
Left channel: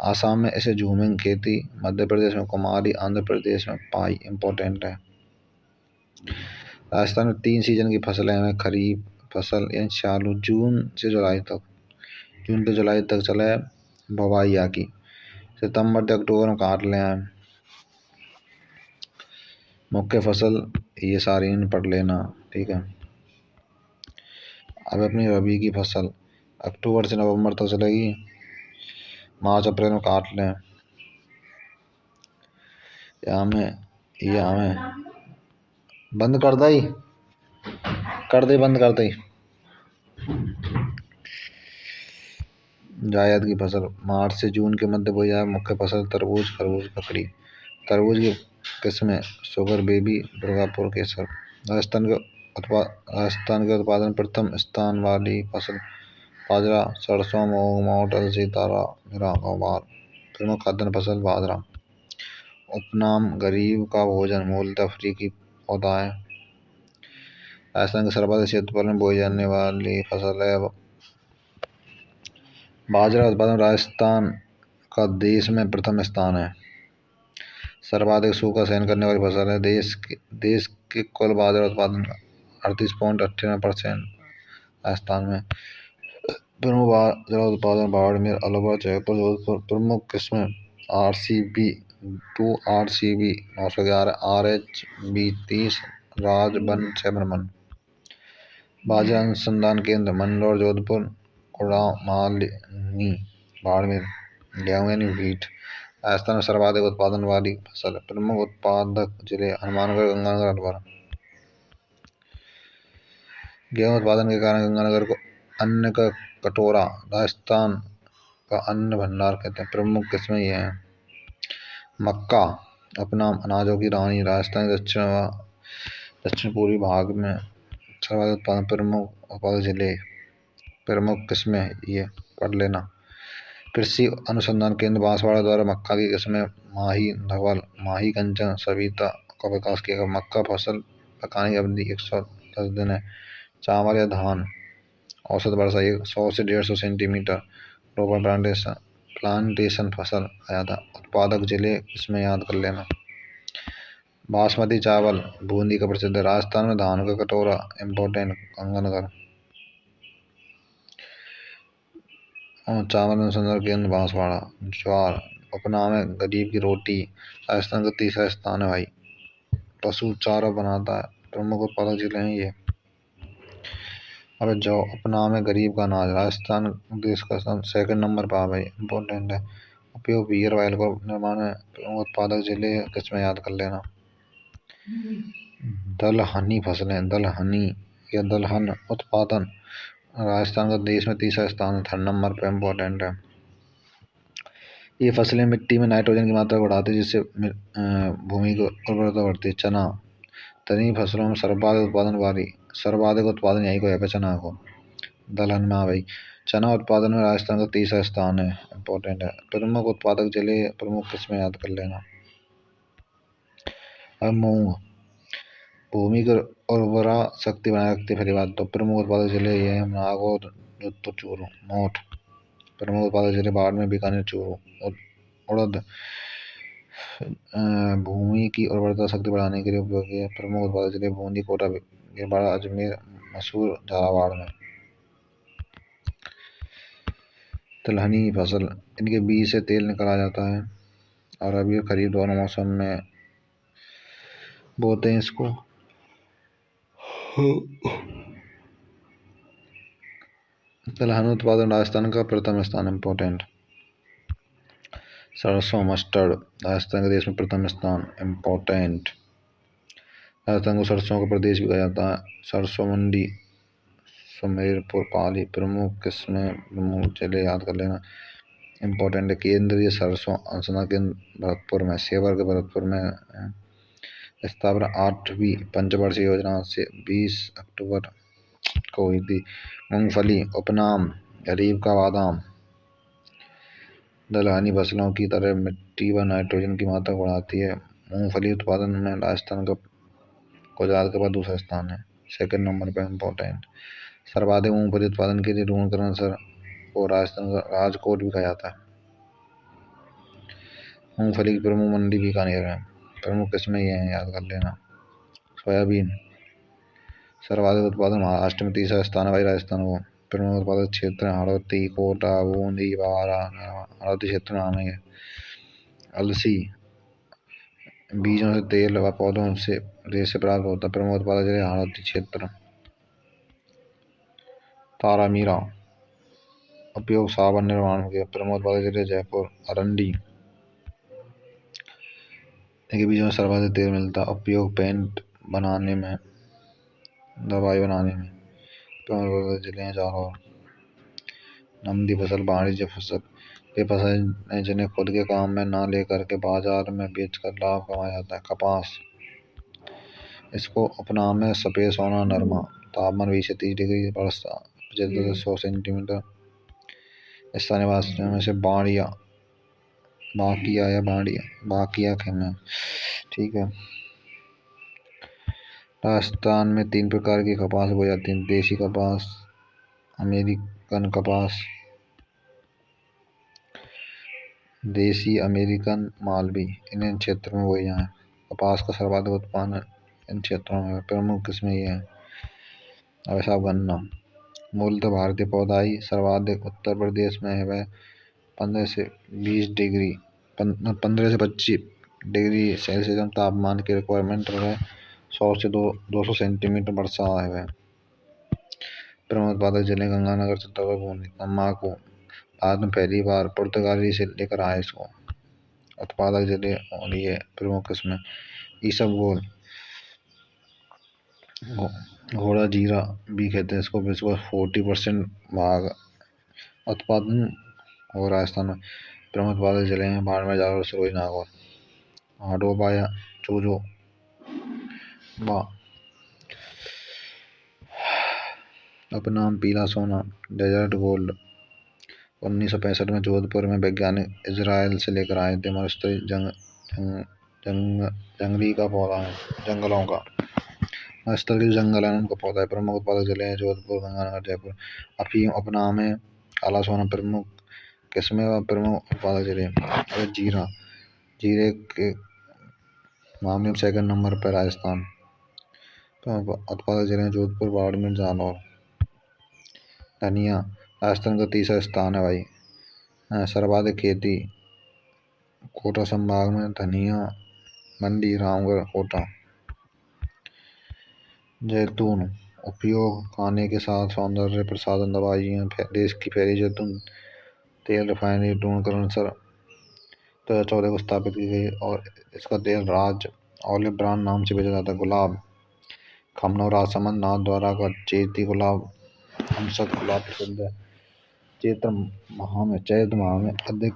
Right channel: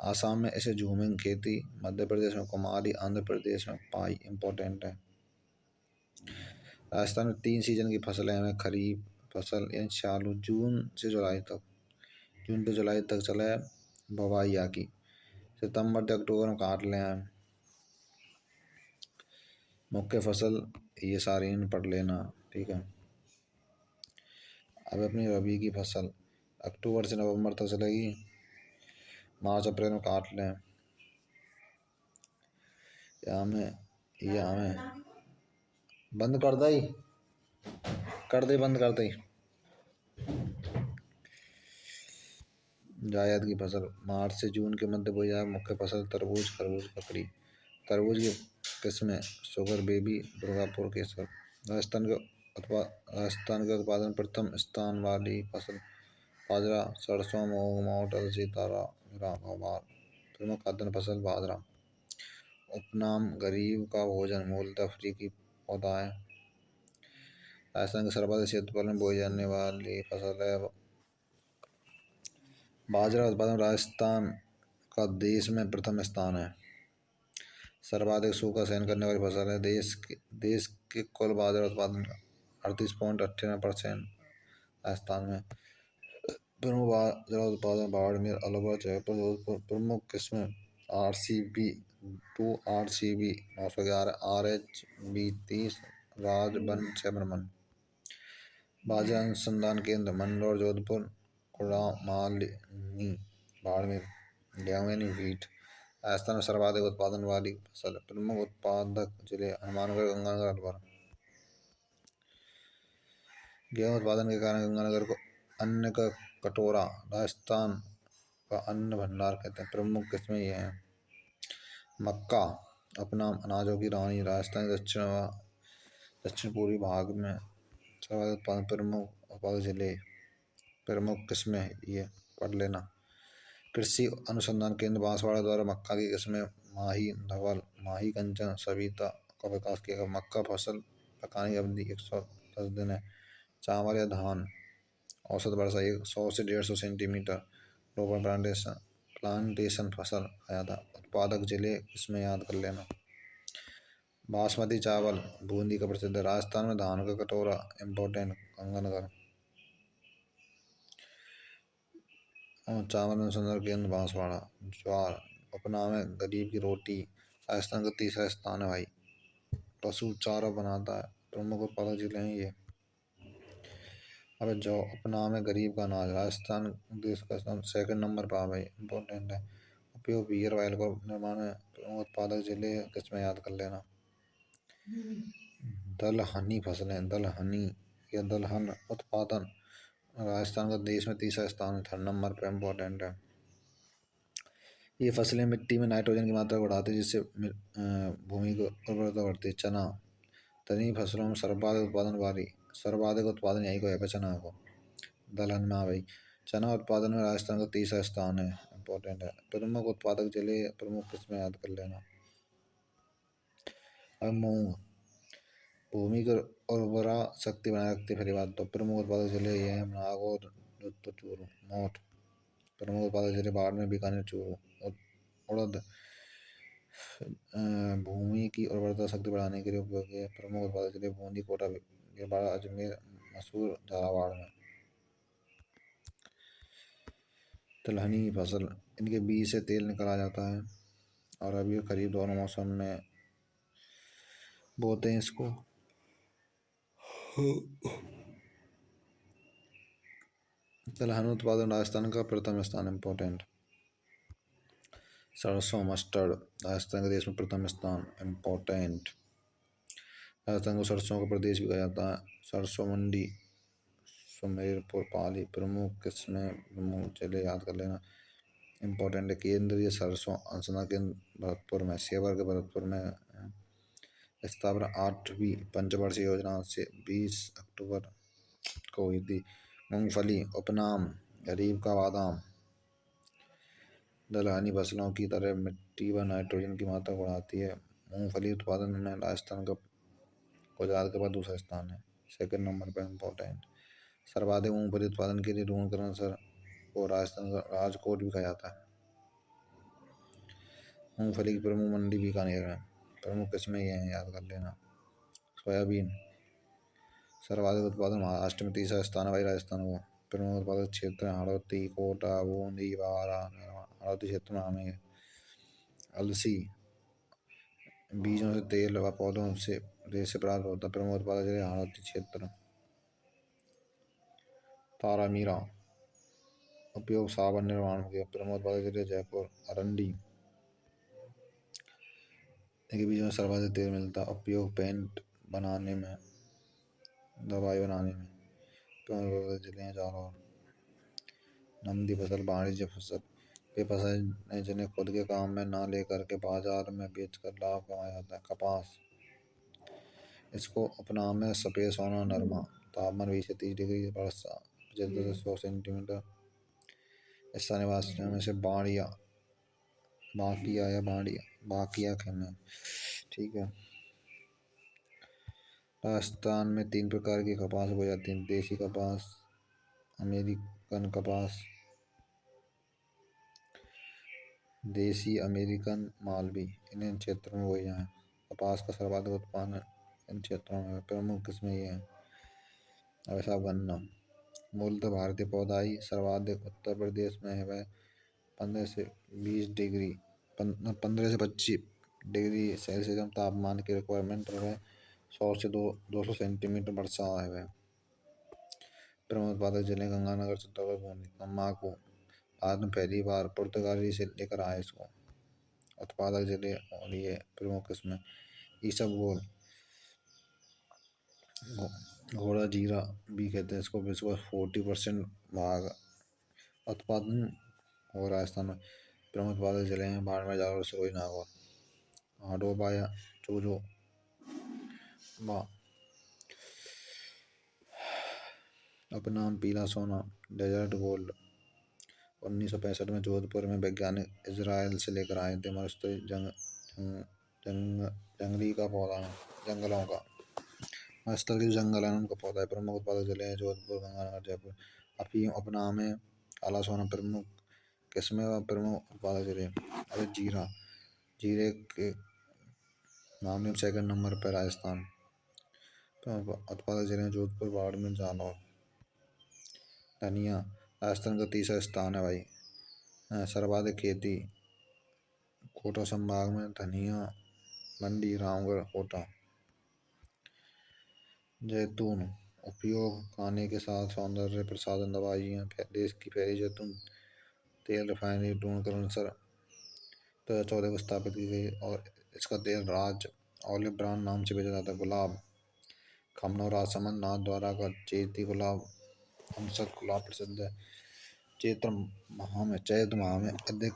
आसाम में इसे झूमिंग खेती, मध्य प्रदेश में कुमारी, आंध्र प्रदेश में पाई इम्पोर्टेंट है। राजस्थान में 3 सीजन की फसलें हैं। खरीफ फसल यानी चालू जून से जुलाई तक चले बुवाई की। सितंबर से अक्टूबर में काट ले आए। मुख्य फसल ये सारी पढ़ लेना। ठीक है, अब अपनी रबी की फसल अक्टूबर से नवंबर तक चलेगी। मार्च अप्रैल में काट लें। यहाँ में बंद कर दी। कर दे बंद कर दे। जायद की फसल मार्च से जून के मध्य बोई जाए। मुख्य फसल तरबूज, खरबूज, ककड़ी। तरबूज की किस्में शुगर बेबी, दुर्गापुर केसर। राजस्थान के उत्पादन प्रथम स्थान वाली फसल बाजरा, सरसों, मूंग, मोठ, अलसी, तारा मीरा, गवार। प्रमुख खाद्यान्न फसल बाजरा। उपनाम गरीब का भोजन, मूलतः फ्री की पौधा है। राजस्थान के सर्वाधिक क्षेत्रफल में बोई जाने वाली फसल है बाजरा। उत्पादन राजस्थान का देश में प्रथम स्थान है। सर्वाधिक सूखा सहन करने वाली फसल है। देश के कुल बाजरा उत्पादन का 38.98% राजस्थान में। प्रमुख बाजरा उत्पादन बाड़मेर, अलवर, जयपुर, जोधपुर। प्रमुख किस्में RCB 2, RCB 911, RH 2030, राजबन 7 बाजरा अनुसंधान केंद्र मंदसौर, जोधपुर, गुड़गांव, मालनी, बाड़मेर। गेहूं यानी व्हीट राजस्थान में सर्वाधिक उत्पादन वाली फसल है। प्रमुख उत्पादक जिले हनुमानगढ़, गंगानगर, अलवर। गेहूं उत्पादन के कारण गंगानगर को अन्न का कटोरा, राजस्थान का अन्न भंडार कहते हैं। प्रमुख किस्में ये हैं। मक्का उपनाम अनाजों की रानी, राजस्थान के दक्षिण पूर्वी भाग में सर्वाधिक उत्पादन। प्रमुख उत्पादक जिले, प्रमुख किस्में ये पढ़ लेना। कृषि अनुसंधान केंद्र बांसवाड़ा द्वारा मक्का की किस्में माही, धवल, माही, कंचन, सविता का विकास किया गया। मक्का फसल पकाने की अवधि 110 दिन है। चावल या धान औसत वर्षा 100 से 150 सेंटीमीटर। रोपण प्लांटेशन फसल आया था। उत्पादक जिले इसमें याद कर लेना। बासमती चावल बूंदी का प्रसिद्ध है। राजस्थान में धान का कटोरा इम्पोर्टेंट, गंगानगर। चावल अनुसंधान केंद्र बांसवाड़ा। ज्वार उपनाम है गरीब की रोटी, राजस्थान का तीसरा स्थान है भाई। पशु चारा बनाता है। प्रमुख उत्पादक जिले हैं ये। अब जौ उपनाम है गरीब का अनाज, राजस्थान देश का सेकंड नंबर पर भाई, इम्पोर्टेंट है। उपयोग बियर ऑयल को निर्माण में। प्रमुख उत्पादक जिले किसमें याद कर लेना। दलहनी फसलें, दलहनी या दलहन उत्पादन राजस्थान का देश में तीसरा स्थान है, 3rd नंबर पे, इम्पोर्टेंट है। ये फसलें मिट्टी में नाइट्रोजन की मात्रा बढ़ाती है, जिससे भूमि की उर्वरता बढ़ती है। चना तनी फसलों में सर्वाधिक उत्पादन यही को है पे, चना को। दलहन में भाई चना उत्पादन में राजस्थान का तीसरा स्थान है, इम्पोर्टेंट है। प्रमुख उत्पादक जिले, प्रमुख किस्में याद कर लेना। अब मूंग भूमि की उर्वरा शक्ति बनाए रखती है। पहली बात तो प्रमुख उत्पादक जिले ये हैं। नागौर, जोधपुर, चूरू, मोठ। प्रमुख उत्पादक जिले बाड़मेर, बीकानेर, चूरू। उड़द भूमि की उर्वरता शक्ति बढ़ाने के लिए उपयोगी है। प्रमुख उत्पादक जिले बूंदी, कोटा, भिलवाड़ा, अजमेर, मैसूर, झालावाड़ में। तिलहनी फसल इनके बीज से तेल निकाला जाता है और अभी खरीफ दोनों मौसम में बोते हैं इसको। तिलहन उत्पादन राजस्थान का प्रथम स्थान, इम्पोर्टेंट। सरसों मस्टर्ड राजस्थान के देश में प्रथम स्थान, इम्पोर्टेंट। राजस्थान को सरसों का प्रदेश भी कहा जाता है। सरसों मंडी सुमेरपुर, पाली। प्रमुख किस्में, प्रमुख जिले याद कर लेना, इम्पोर्टेंट है। केंद्रीय सरसों अनुसंधान केंद्र भरतपुर में, सेवर के भरतपुर में है। स्थापना 8वीं पंचवर्षीय योजना से 20 अक्टूबर को हुई थी। मूंगफली उपनाम गरीब का बादाम, दलहनी फसलों की तरह मिट्टी व नाइट्रोजन की मात्रा बढ़ाती है। मूंगफली उत्पादन में राजस्थान का गुजरात के बाद दूसरा स्थान है, 2nd नंबर पर, इम्पोर्टेंट। सर्वाधिक मूंगफली उत्पादन के लिए ढूंढकर सर को राजस्थान का राजकोट भी कहा जाता है। मूंगफली की प्रमुख मंडी बीकानेर है। प्रमुख किस्में ये हैं, याद कर लेना। सोयाबीन सर्वाधिक उत्पादन महाराष्ट्र में, तीसरा स्थान है भाई राजस्थान को। प्रमुख उत्पादक क्षेत्र हड़ौती, कोटा, बूंदी, बारा। हड़ौती क्षेत्र में आना है। अलसी बीजों से तेल व पौधों से रेशे प्राप्त होता है। प्रमुख उत्पादक जिले हड़ौती क्षेत्र। तारा मीरा उपयोग साबुन निर्माण के। प्रमुख उत्पादक जिले जयपुर, अरंडी। इनके बीजों में सर्वाधिक तेल मिलता है। उपयोग पेंट बनाने में। दवाई बनाने में। प्रमुख जिले जालौर। नकदी फसल वाणिज्य फसल ये फसल है जिन्हें खुद के काम में ना लेकर के बाजार में बेचकर लाभ कमाया जाता है। कपास, इसको उपनाम है सफेद सोना नरमा। तापमान 20 से 30 डिग्री, वर्षा 75 से 100 सेंटीमीटर। स्थानीय भाषा में से बाड़िया, बाकिया या बाड़िया, बाकिया खेमे। ठीक है। राजस्थान में 3 प्रकार की कपास बोई जाती है। देसी कपास, अमेरिकन कपास, देसी अमेरिकन मालवी। इन क्षेत्रों में बोई जाए। कपास का सर्वाधिक उत्पादन इन क्षेत्रों में। प्रमुख किस्में ये हैं। अब साहब गन्ना, मूलतः भारतीय पौधा ही सर्वाधिक उत्तर प्रदेश में है। वह 15 से 20 डिग्री 15 से 25 डिग्री सेल्सियस तापमान की रिक्वायरमेंट है। 100 से 200 सेंटीमीटर वर्षा है वह। प्रमुख उत्पादक जिले गंगानगर, चित्तौड़गढ़, बूंदी। तम्बाकू, भारत में पहली बार पुर्तगाली से लेकर आए इसको। उत्पादक जिले और ये प्रमुख किस्में। ईसबगोल, घोड़ा जीरा भी कहते हैं इसको। विश्व 40% भाग उत्पादन हो राजस्थान में। प्रमुख उत्पादक जिले हैं बाड़मेर, जालौर, सिरोही, नागौर। हाडोबा या चूजो बा, उपनाम पीला सोना, डेजर्ट गोल्ड। 1965 में जोधपुर में वैज्ञानिक इजराइल से लेकर आए थे। मरुस्थलीय जंगली का पौधा है, जंगलों का मरुस्थलीय जंगल है उनका पौधा है। प्रमुख उत्पादक जिले हैं जोधपुर, गंगानगर, जयपुर। अफीम उपनाम है काला सोना। प्रमुख किस्में व प्रमुख उत्पादक जिले। और जीरा, जीरे के मामले में 2nd नंबर पर राजस्थान। उत्पादक जिले हैं जोधपुर, बाड़मेर, जालौर। धनिया, राजस्थान का 3रा स्थान है भाई। सर्वाधिक खेती कोटा संभाग में। धनिया मंडी रामगढ़, कोटा। जैतून, उपयोग खाने के साथ सौंदर्य प्रसाधन, दवाइयाँ। देश की पहली जैतून तेल रिफाइनरी टूणकरण 2014 को स्थापित की गई और इसका तेल राज ऑलिव ब्रांड नाम से बेचा जाता है। गुलाब, खमनोर, राजसमंद, नाथद्वारा का चैती गुलाब, हमसद गुलाब प्रसिद्ध है। चैत्र माह में अधिक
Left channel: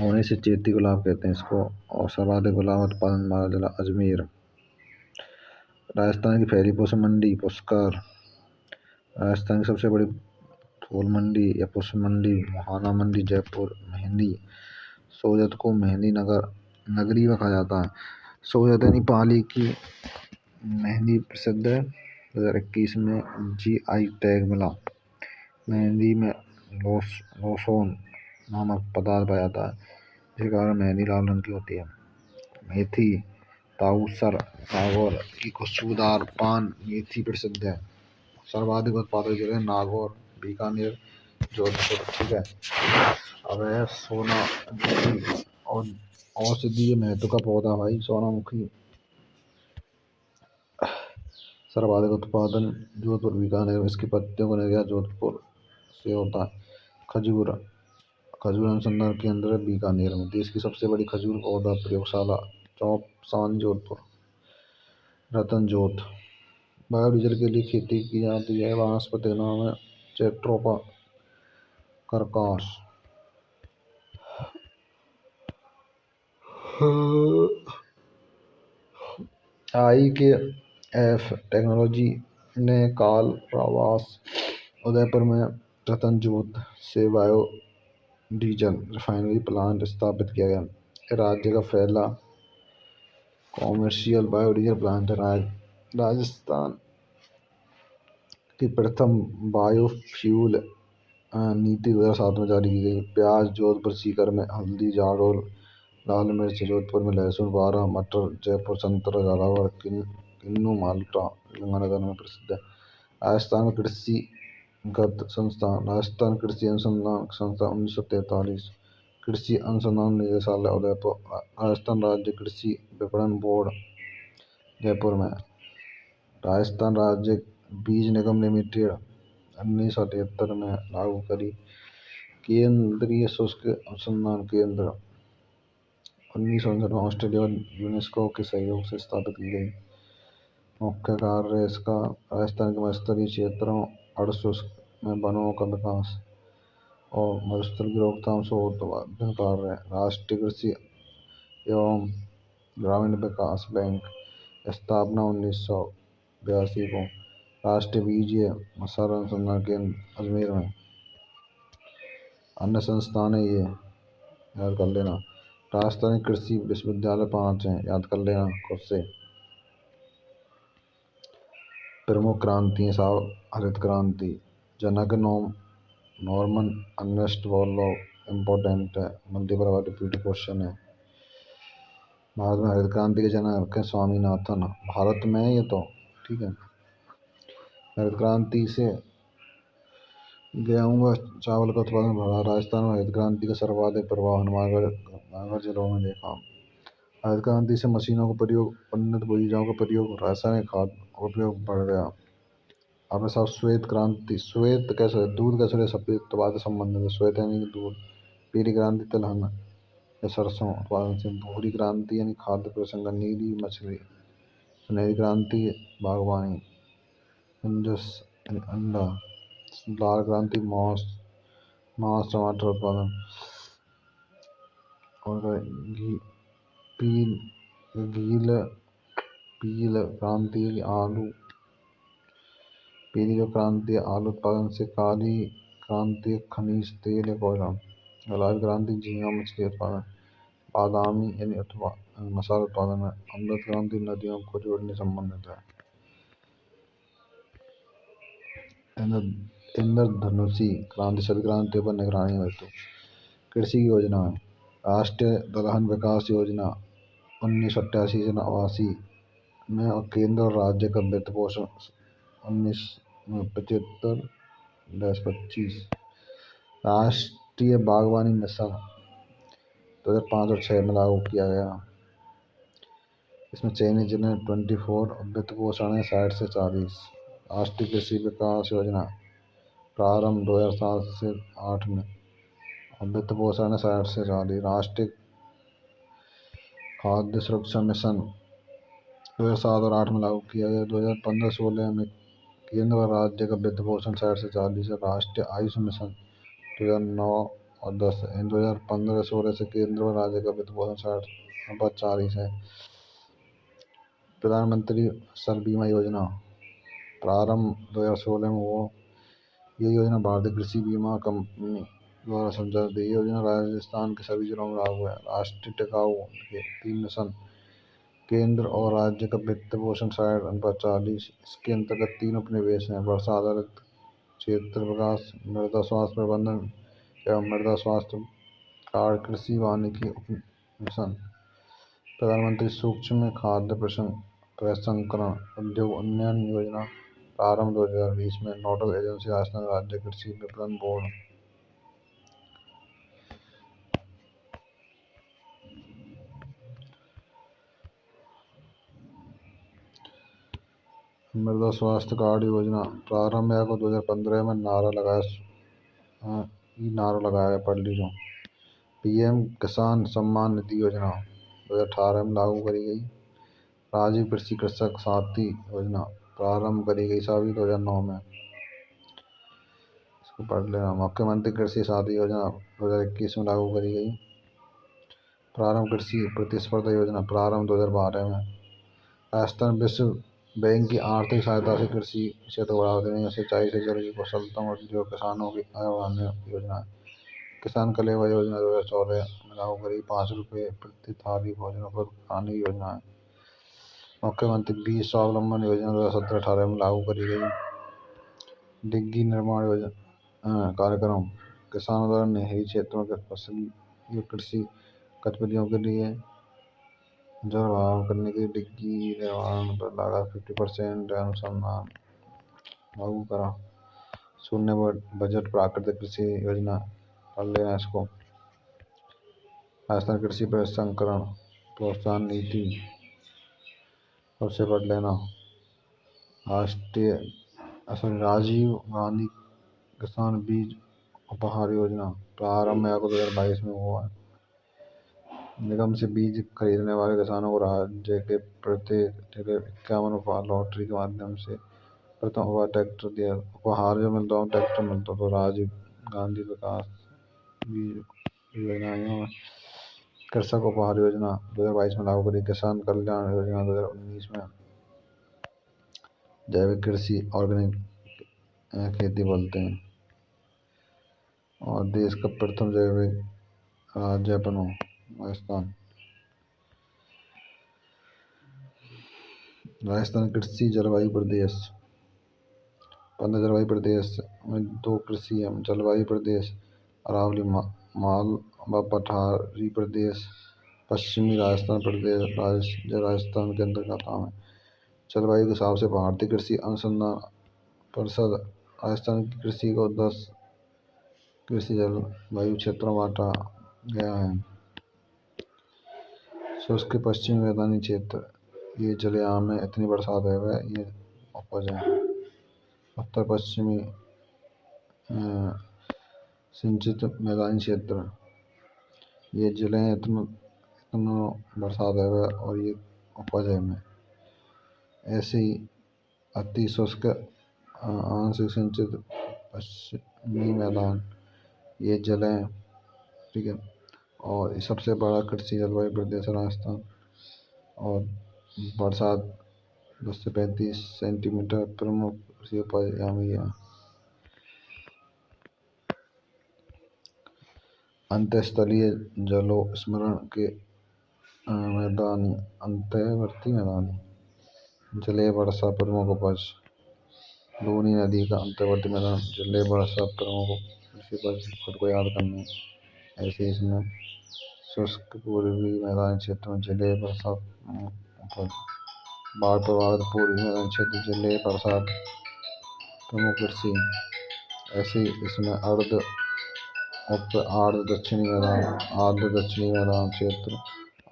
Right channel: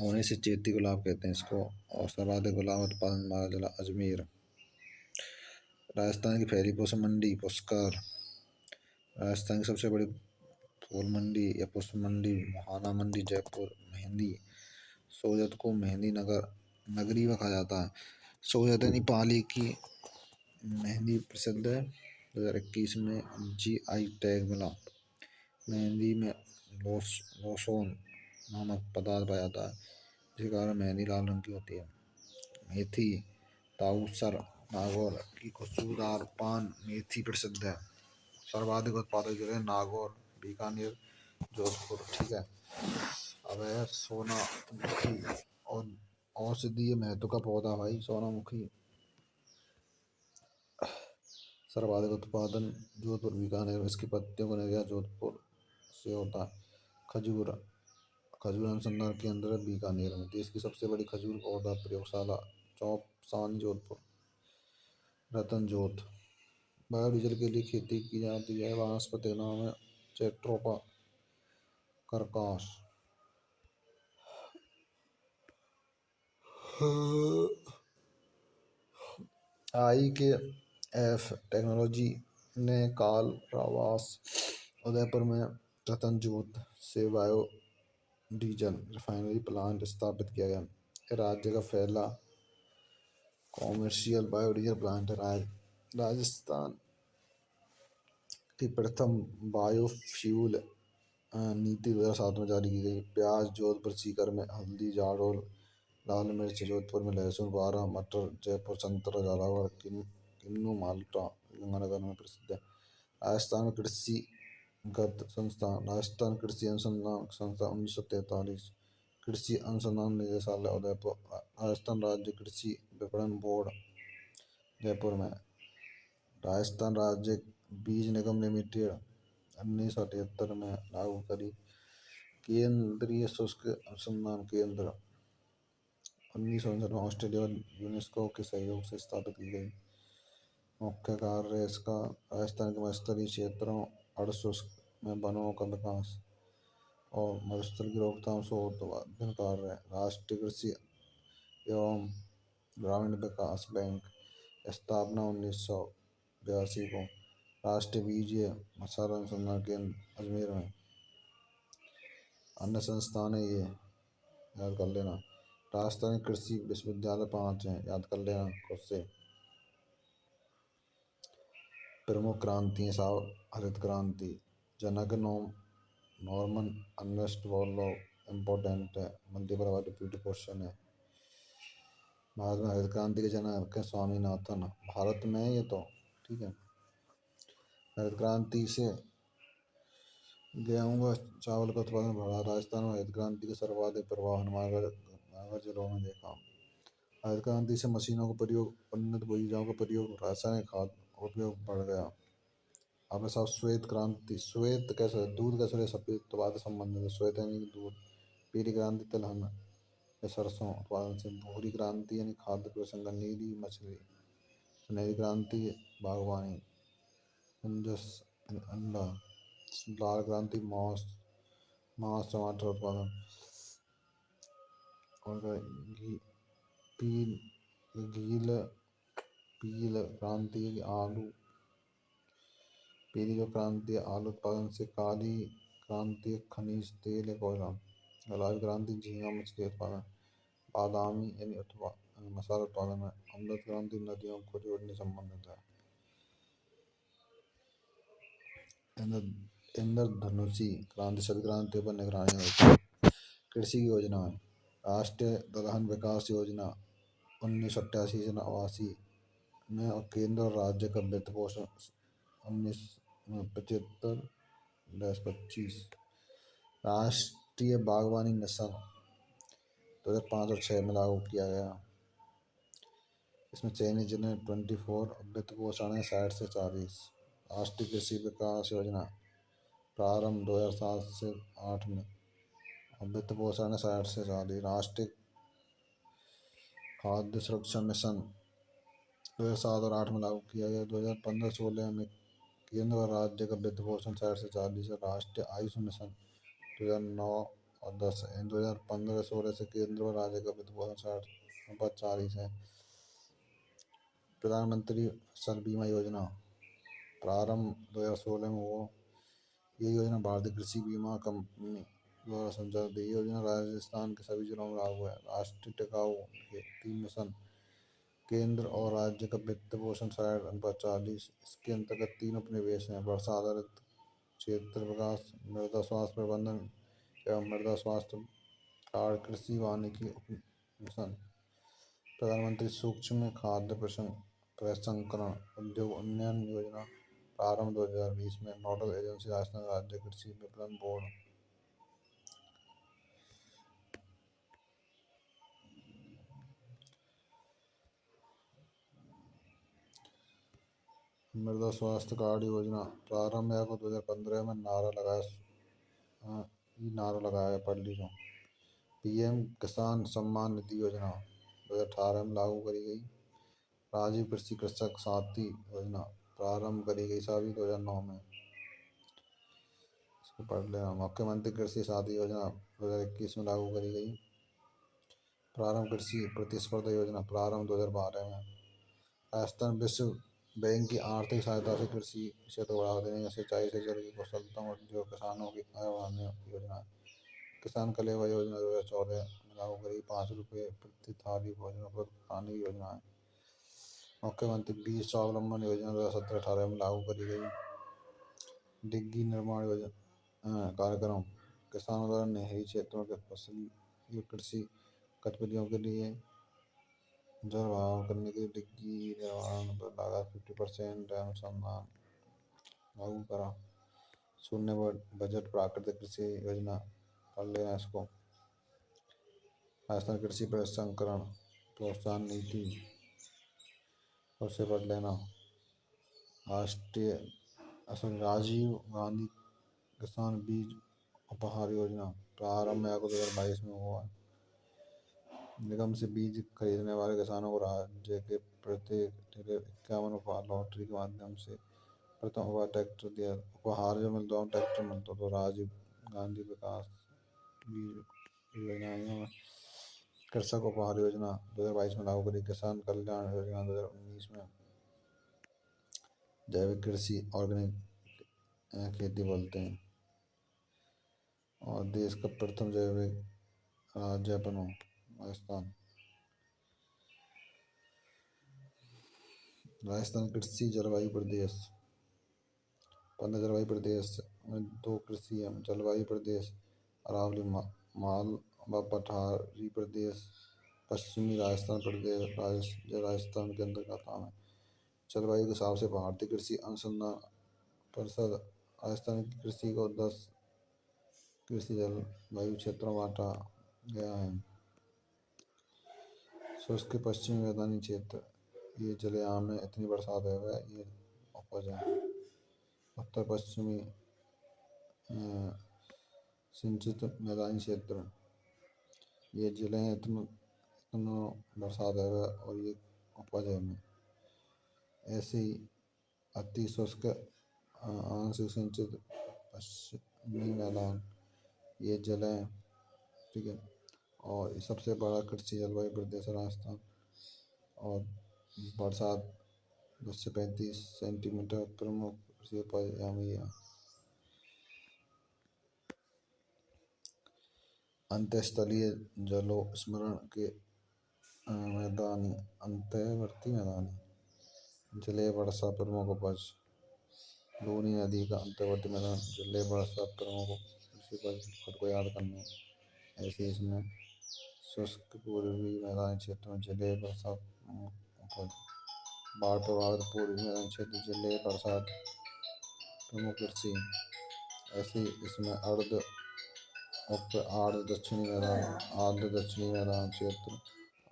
होने से चैती गुलाब कहते हैं इसको। और सर्वाधिक गुलाब उत्पादन वाला जिला अजमेर। राजस्थान की पहली पुष्प मंडी पुष्कर। राजस्थान की सबसे बड़ी फूल मंडी या पुष्प मंडी मुहाना मंडी, जयपुर। मेहंदी, सोजत को मेहंदी नगरी में कहा जाता है। सोजत यानी पाली की मेहंदी प्रसिद्ध है। 2021 में GI टैग मिला। मेहंदी में लोसोन नामक पदार्थ पाया जाता है जिसके कारण मेहंदी लाल रंग की होती है। मेथी, ताउसर, नागौर की खुशबूदार पान मेथी प्रसिद्ध है। सर्वाधिक उत्पादक जिले नागौर, बीकानेर, जोधपुर। ठीक है। अब है सोनामुखी और औषधीय महत्व का पौधा भाई सोनामुखी। सर्वाधिक उत्पादन जोधपुर, बीकानेर में। इसकी पत्तियों का निर्यात जोधपुर से होता है। खजूर, खजूर अनुसंधान केंद्र बीकानेर में। देश की सबसे बड़ी खजूर पौधा प्रयोगशाला चौपसान, जोधपुर। रतन जोत, बायोडीजल के लिए खेती की जाती है। वनस्पति नाम है जेट्रोफा कर्कश। IKF टेक्नोलॉजी ने काल प्रवास उदयपुर में रतन जोत से बायोडीजल रिफाइनरी प्लांट स्थापित किया गया। राज्य का पहला कॉमर्शियल बायोडीजल प्लांट है। राजस्थान की प्रथम बायोफ्यूल नीति 2007 में जारी की गई। प्याज जोधपुर, सीकर में। हल्दी, जाडोल। लाल मिर्च जोधपुर में। लहसुन, बारह, मटर जयपुर। संतरा, झालावाड़। किन्नू, माल्टा गंगानगर में प्रसिद्ध है। राजस्थान में कृषिगत संस्थान, राजस्थान कृषि अनुसंधान संस्थान 1943। कृषि अनुसंधान निदेशालय उदयपुर। राजस्थान राज्य कृषि विपणन बोर्ड जयपुर में। राजस्थान राज्य बीज निगम लिमिटेड 1973 में लागू करी। केंद्रीय शुष्क अनुसंधान केंद्र 1959 में ऑस्ट्रेलिया और यूनेस्को के सहयोग से स्थापित की गई। मुख्य कार्य इसका राजस्थान के मत्स्यपालन क्षेत्रों, अर्धशुष्क में वनों का विकास और मत्स्य की रोकथाम से उत्पादन कार्य है। राष्ट्रीय कृषि एवं ग्रामीण विकास बैंक स्थापना 1982 को। राष्ट्रीय बीज मसाला अनुसंधान केंद्र अजमेर में। अन्य संस्थान है ये, याद कर लेना। राजस्थानी कृषि विश्वविद्यालय 5 हैं, याद कर लेना खुद से। प्रमुख क्रांति साहब, हरित क्रांति, जनक नॉर्मन अर्नेस्ट बोरलॉग। इम्पोर्टेंट है, मल्टीपल बार रिपीट क्वेश्चन है। भारत में हरित क्रांति के जनक है स्वामीनाथन, भारत में है ये तो, ठीक है। हरित क्रांति से गेहूं व चावल का उत्पादन बढ़ा। राजस्थान में हरित क्रांति का सर्वाधिक प्रभाव हनुमानगढ़ जिलों में देखा। हरित क्रांति से मशीनों का प्रयोग, उन्नत बीजों का प्रयोग, रासायनिक खाद का उपयोग बढ़ गया। अब साहब श्वेत क्रांति। श्वेत कैसे, दूध कैसे, सफेद तो बात संबंधित है। श्वेत यानी कि दूध। पीली क्रांति तिलहन या सरसों उत्पादन से। भूरी क्रांति यानी खाद्य प्रसंग, नीली मछली। सुनहरी क्रांति बागवानी, कुंजस अंडा। लाल क्रांति मांस टमाटर उत्पादन। और पील गील पील क्रांति आलू। पीली जो क्रांति है आलू उत्पादन से। काली क्रांति खनिज तेल या कोयला। गुलाबी क्रांति झींगा मछली उत्पादन। बादामी यानी मसाला उत्पादन है। अमृत क्रांति नदियों को जोड़ने संबंधित है। इंद्रधनुषी क्रांति सभी क्रांतियों पर निगरानी होती है। कृषि योजना है। राष्ट्रीय दलहन विकास योजना 1988 से 89 में, और केंद्र और राज्य का वित्त पोषण 1975-25। राष्ट्रीय बागवानी मिशन 2005 और 6 में लागू किया गया। इसमें चयनित जिले 24 और वित्त पोषण है 60 से 40। राष्ट्रीय कृषि विकास योजना प्रारंभ 2007 से 8 में, और वित्त पोषण है 60 से 40। राष्ट्रीय खाद्य सुरक्षा मिशन 2007 और 8 में लागू किया गया। 2015-16 में केंद्र और राज्य का वित्त पोषण 60 से 40 है। राष्ट्रीय आयुष मिशन 2009 और 10 है। 2015-16 से केंद्र और राज्य का वित्त पोषण 60-40 है। प्रधानमंत्री फसल बीमा योजना प्रारंभ 2016 में हुआ। ये योजना भारतीय कृषि बीमा कंपनी द्वारा संचालित है। ये योजना राजस्थान के सभी जिलों में लागू है। राष्ट्रीय टिकाऊ खेती मिशन केंद्र और राज्य का वित्त पोषण 60-40। इसके अंतर्गत 3 उपनिवेश हैं: वर्षा आधारित क्षेत्र विकास, मृदा स्वास्थ्य प्रबंधन एवं मृदा स्वास्थ्य कार्ड, कृषि वानिकी मिशन। प्रधानमंत्री सूक्ष्म खाद्य प्रसंस्करण उद्योग उन्नयन योजना प्रारंभ 2020 में। नोडल एजेंसी राजस्थान राज्य कृषि विपणन बोर्ड। मृदा स्वास्थ्य कार्ड योजना प्रारंभ को 2015 में नारा लगाया गया, पढ़ लीजिए। पीएम किसान सम्मान निधि योजना 2018 में लागू करी गई। राजीव कृषि कृषक साथी योजना प्रारंभ करी गई सभी 2009 में। इसको पढ़ लेना। मुख्यमंत्री कृषि साथी योजना 2021 में लागू करी गई। प्रारंभ कृषि प्रतिस्पर्धा योजना प्रारंभ 2012 में। राजस्थान विश्व बैंक की आर्थिक सहायता से कृषि क्षेत्र को बढ़ावा देने, सिंचाई से जल की कुशलता और जो किसानों की आय बढ़ाने योजना। किसान कलेवा योजना 2014 में लागू करी। 5 रुपये प्रति थाली भोजन उपलब्ध कराने की योजना है। मुख्यमंत्री बीज स्वावलंबन योजना 2017-18 में लागू करी गई। डिग्गी निर्माण योजना कार्यक्रम किसानों द्वारा नहरी क्षेत्रों के फसली कृषि गतिविधियों के लिए जल बहाव करने के लिए डिग्गी निर्माण पर लागत 50% अनुसंधान लागू करा। शून्य बजट प्राकृतिक कृषि योजना पढ़ लेना इसको। राजस्थान कृषि प्रसंस्करण प्रोत्साहन नीति सबसे पढ़ लेना। राजीव गांधी किसान बीज उपहार योजना प्रारंभ 2022 में हुआ है। निगम से बीज खरीदने वाले किसानों को राज्य के प्रत्येक जिले 51 लॉटरी के माध्यम से प्रथम उपहार जो मिलता है ट्रैक्टर मिलता। तो राजीव गांधी विकास बीज योजनाओं में कृषक उपहार योजना 2022 में लागू करी। किसान कल्याण योजना 2019 में जैविक कृषि ऑर्गेनिक खेती बोलते हैं। और देश का प्रथम जैविक राज्य बनो राजस्थान। राजस्थान कृषि जलवायु प्रदेश 15 जलवायु प्रदेश में 2 कृषि जलवायु प्रदेश अरावली माल व पठारी प्रदेश पश्चिमी राजस्थान प्रदेश राजस्थान के अंतर्गत है। जलवायु के हिसाब से भारतीय कृषि अनुसंधान परिषद राजस्थान की कृषि को 10 कृषि जलवायु क्षेत्रों में बांटा गया है। शुष्क पश्चिमी मैदानी क्षेत्र ये जलयाम में इतनी बरसात है वह ये उपज है। उत्तर पश्चिमी सिंचित मैदानी क्षेत्र ये जिले हैं इतना बरसात है वह और ये उपज है में। ऐसे ही अति शुष्क आंशिक सिंचित पश्चिमी मैदान ये जलें, ठीक है। और ये सबसे बड़ा कृषि जलवायु प्रदेश है राजस्थान। और बरसात 10 से 35 सेंटीमीटर प्रमुख कृषि उपज यहाँ हुई है। अंतःस्थलीय जलों स्मरण के मैदानी अंतर्वर्ती मैदानी जलीय वर्षा प्रमुख उपज लूनी नदी का अंतर्वर्ती मैदान जलीय वर्षा प्रमुख कृषि उपज खुद को याद करना है। ऐसे इसमें शुष्क पूर्वी मैदानी क्षेत्र में जलीय वर्षा उपज बाढ़ प्रभावित पूर्वी मैदानी क्षेत्र जलीय बरसात प्रमुख कृषि। ऐसे इसमें आर्द्र दक्षिणी मैदान आर्द्र दक्षिणी मैदान क्षेत्र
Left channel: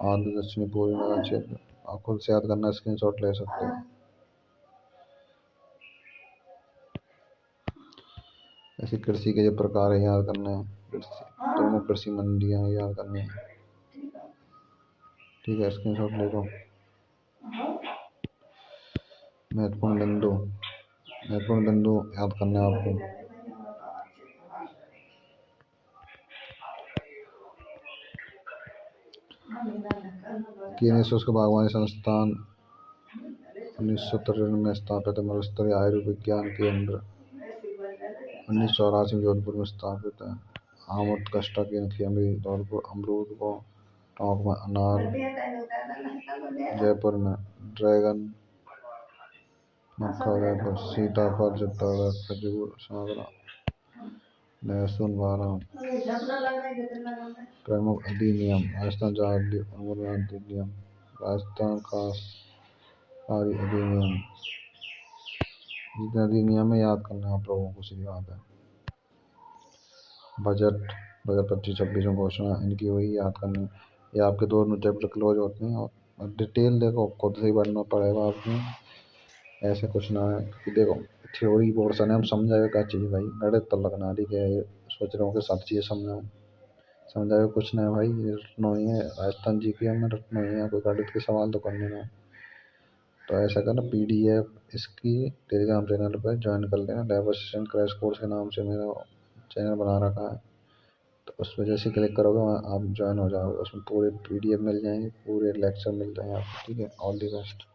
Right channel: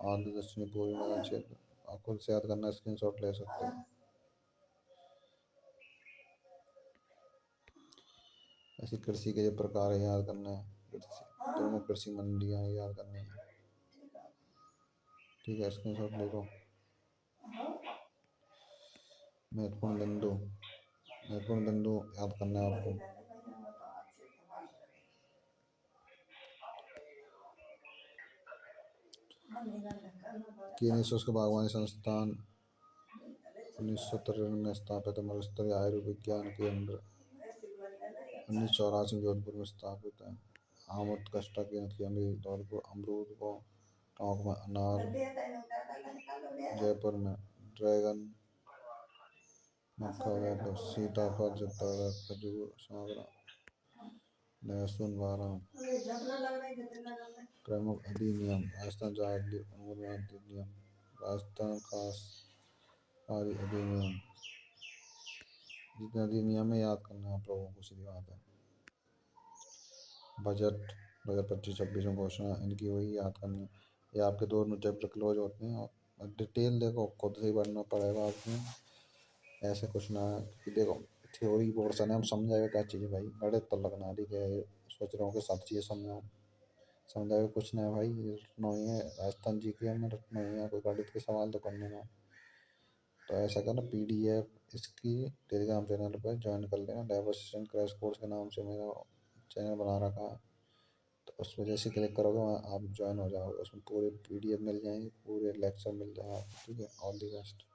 आर्द्र दक्षिणी पूर्वी मैदान क्षेत्र आप खुद से याद करना स्क्रीनशॉट ले सकते हो। ऐसे कृषि के जो प्रकार है याद करने हैं। प्रमुख कृषि मंडियाँ याद करनी है, ठीक है। स्क्रीनशॉट ले लो। महत्वपूर्ण बिंदु याद करना है आपको। केंद्रीय शुष्क बागवानी संस्थान 1993 में स्थापित है। मरुस्तरीय आयुर्विज्ञान केंद्र 1984 में जोधपुर में स्थापित है। आम उत्कृष्टता केंद्र धौलपुर अमरूद को टोंक में अनार जयपुर में ड्रैगन मक्का उदयपुर सीताफल चित्तौड़गढ़ खजूर सागरा लहसुन बादाम। प्रमुख अधिनियम राजस्थान जाति अनुमोदन अधिनियम राजस्थान खास अधिनियम। जितने अधिनियम में याद करना आप लोगों को सीधी बात है। बजट 2025-26 में घोषणा इनकी वही याद करनी। ये आपके दोनों चैप्टर क्लोज होते हैं और डिटेल देखो खुद से ही पढ़ना पड़ेगा आपको। ऐसा कुछ ना है कि देखो थ्योरी पोर्शन है हम समझाए क्या चीज़ भाई गणित तो लगना ठीक है। सोच रहा हूँ कि सब चीज़ें समझाए कुछ ना है भाई रटना ही है। राजस्थान जी के हमें रटना ही है कोई गणित के सवाल तो करने ना। तो ऐसा करना PDF इसकी टेलीग्राम चैनल पर ज्वाइन कर लेना। लाइव असिस्टेंट क्रैश कोर्स के नाम से मेरा चैनल बना रखा है। तो उस वजह से क्लिक करोगे वहाँ आप ज्वाइन हो जाओगे। उसमें पूरे PDF मिल जाएंगे पूरे लेक्चर मिल जाएंगे आपको, ठीक है। All the best.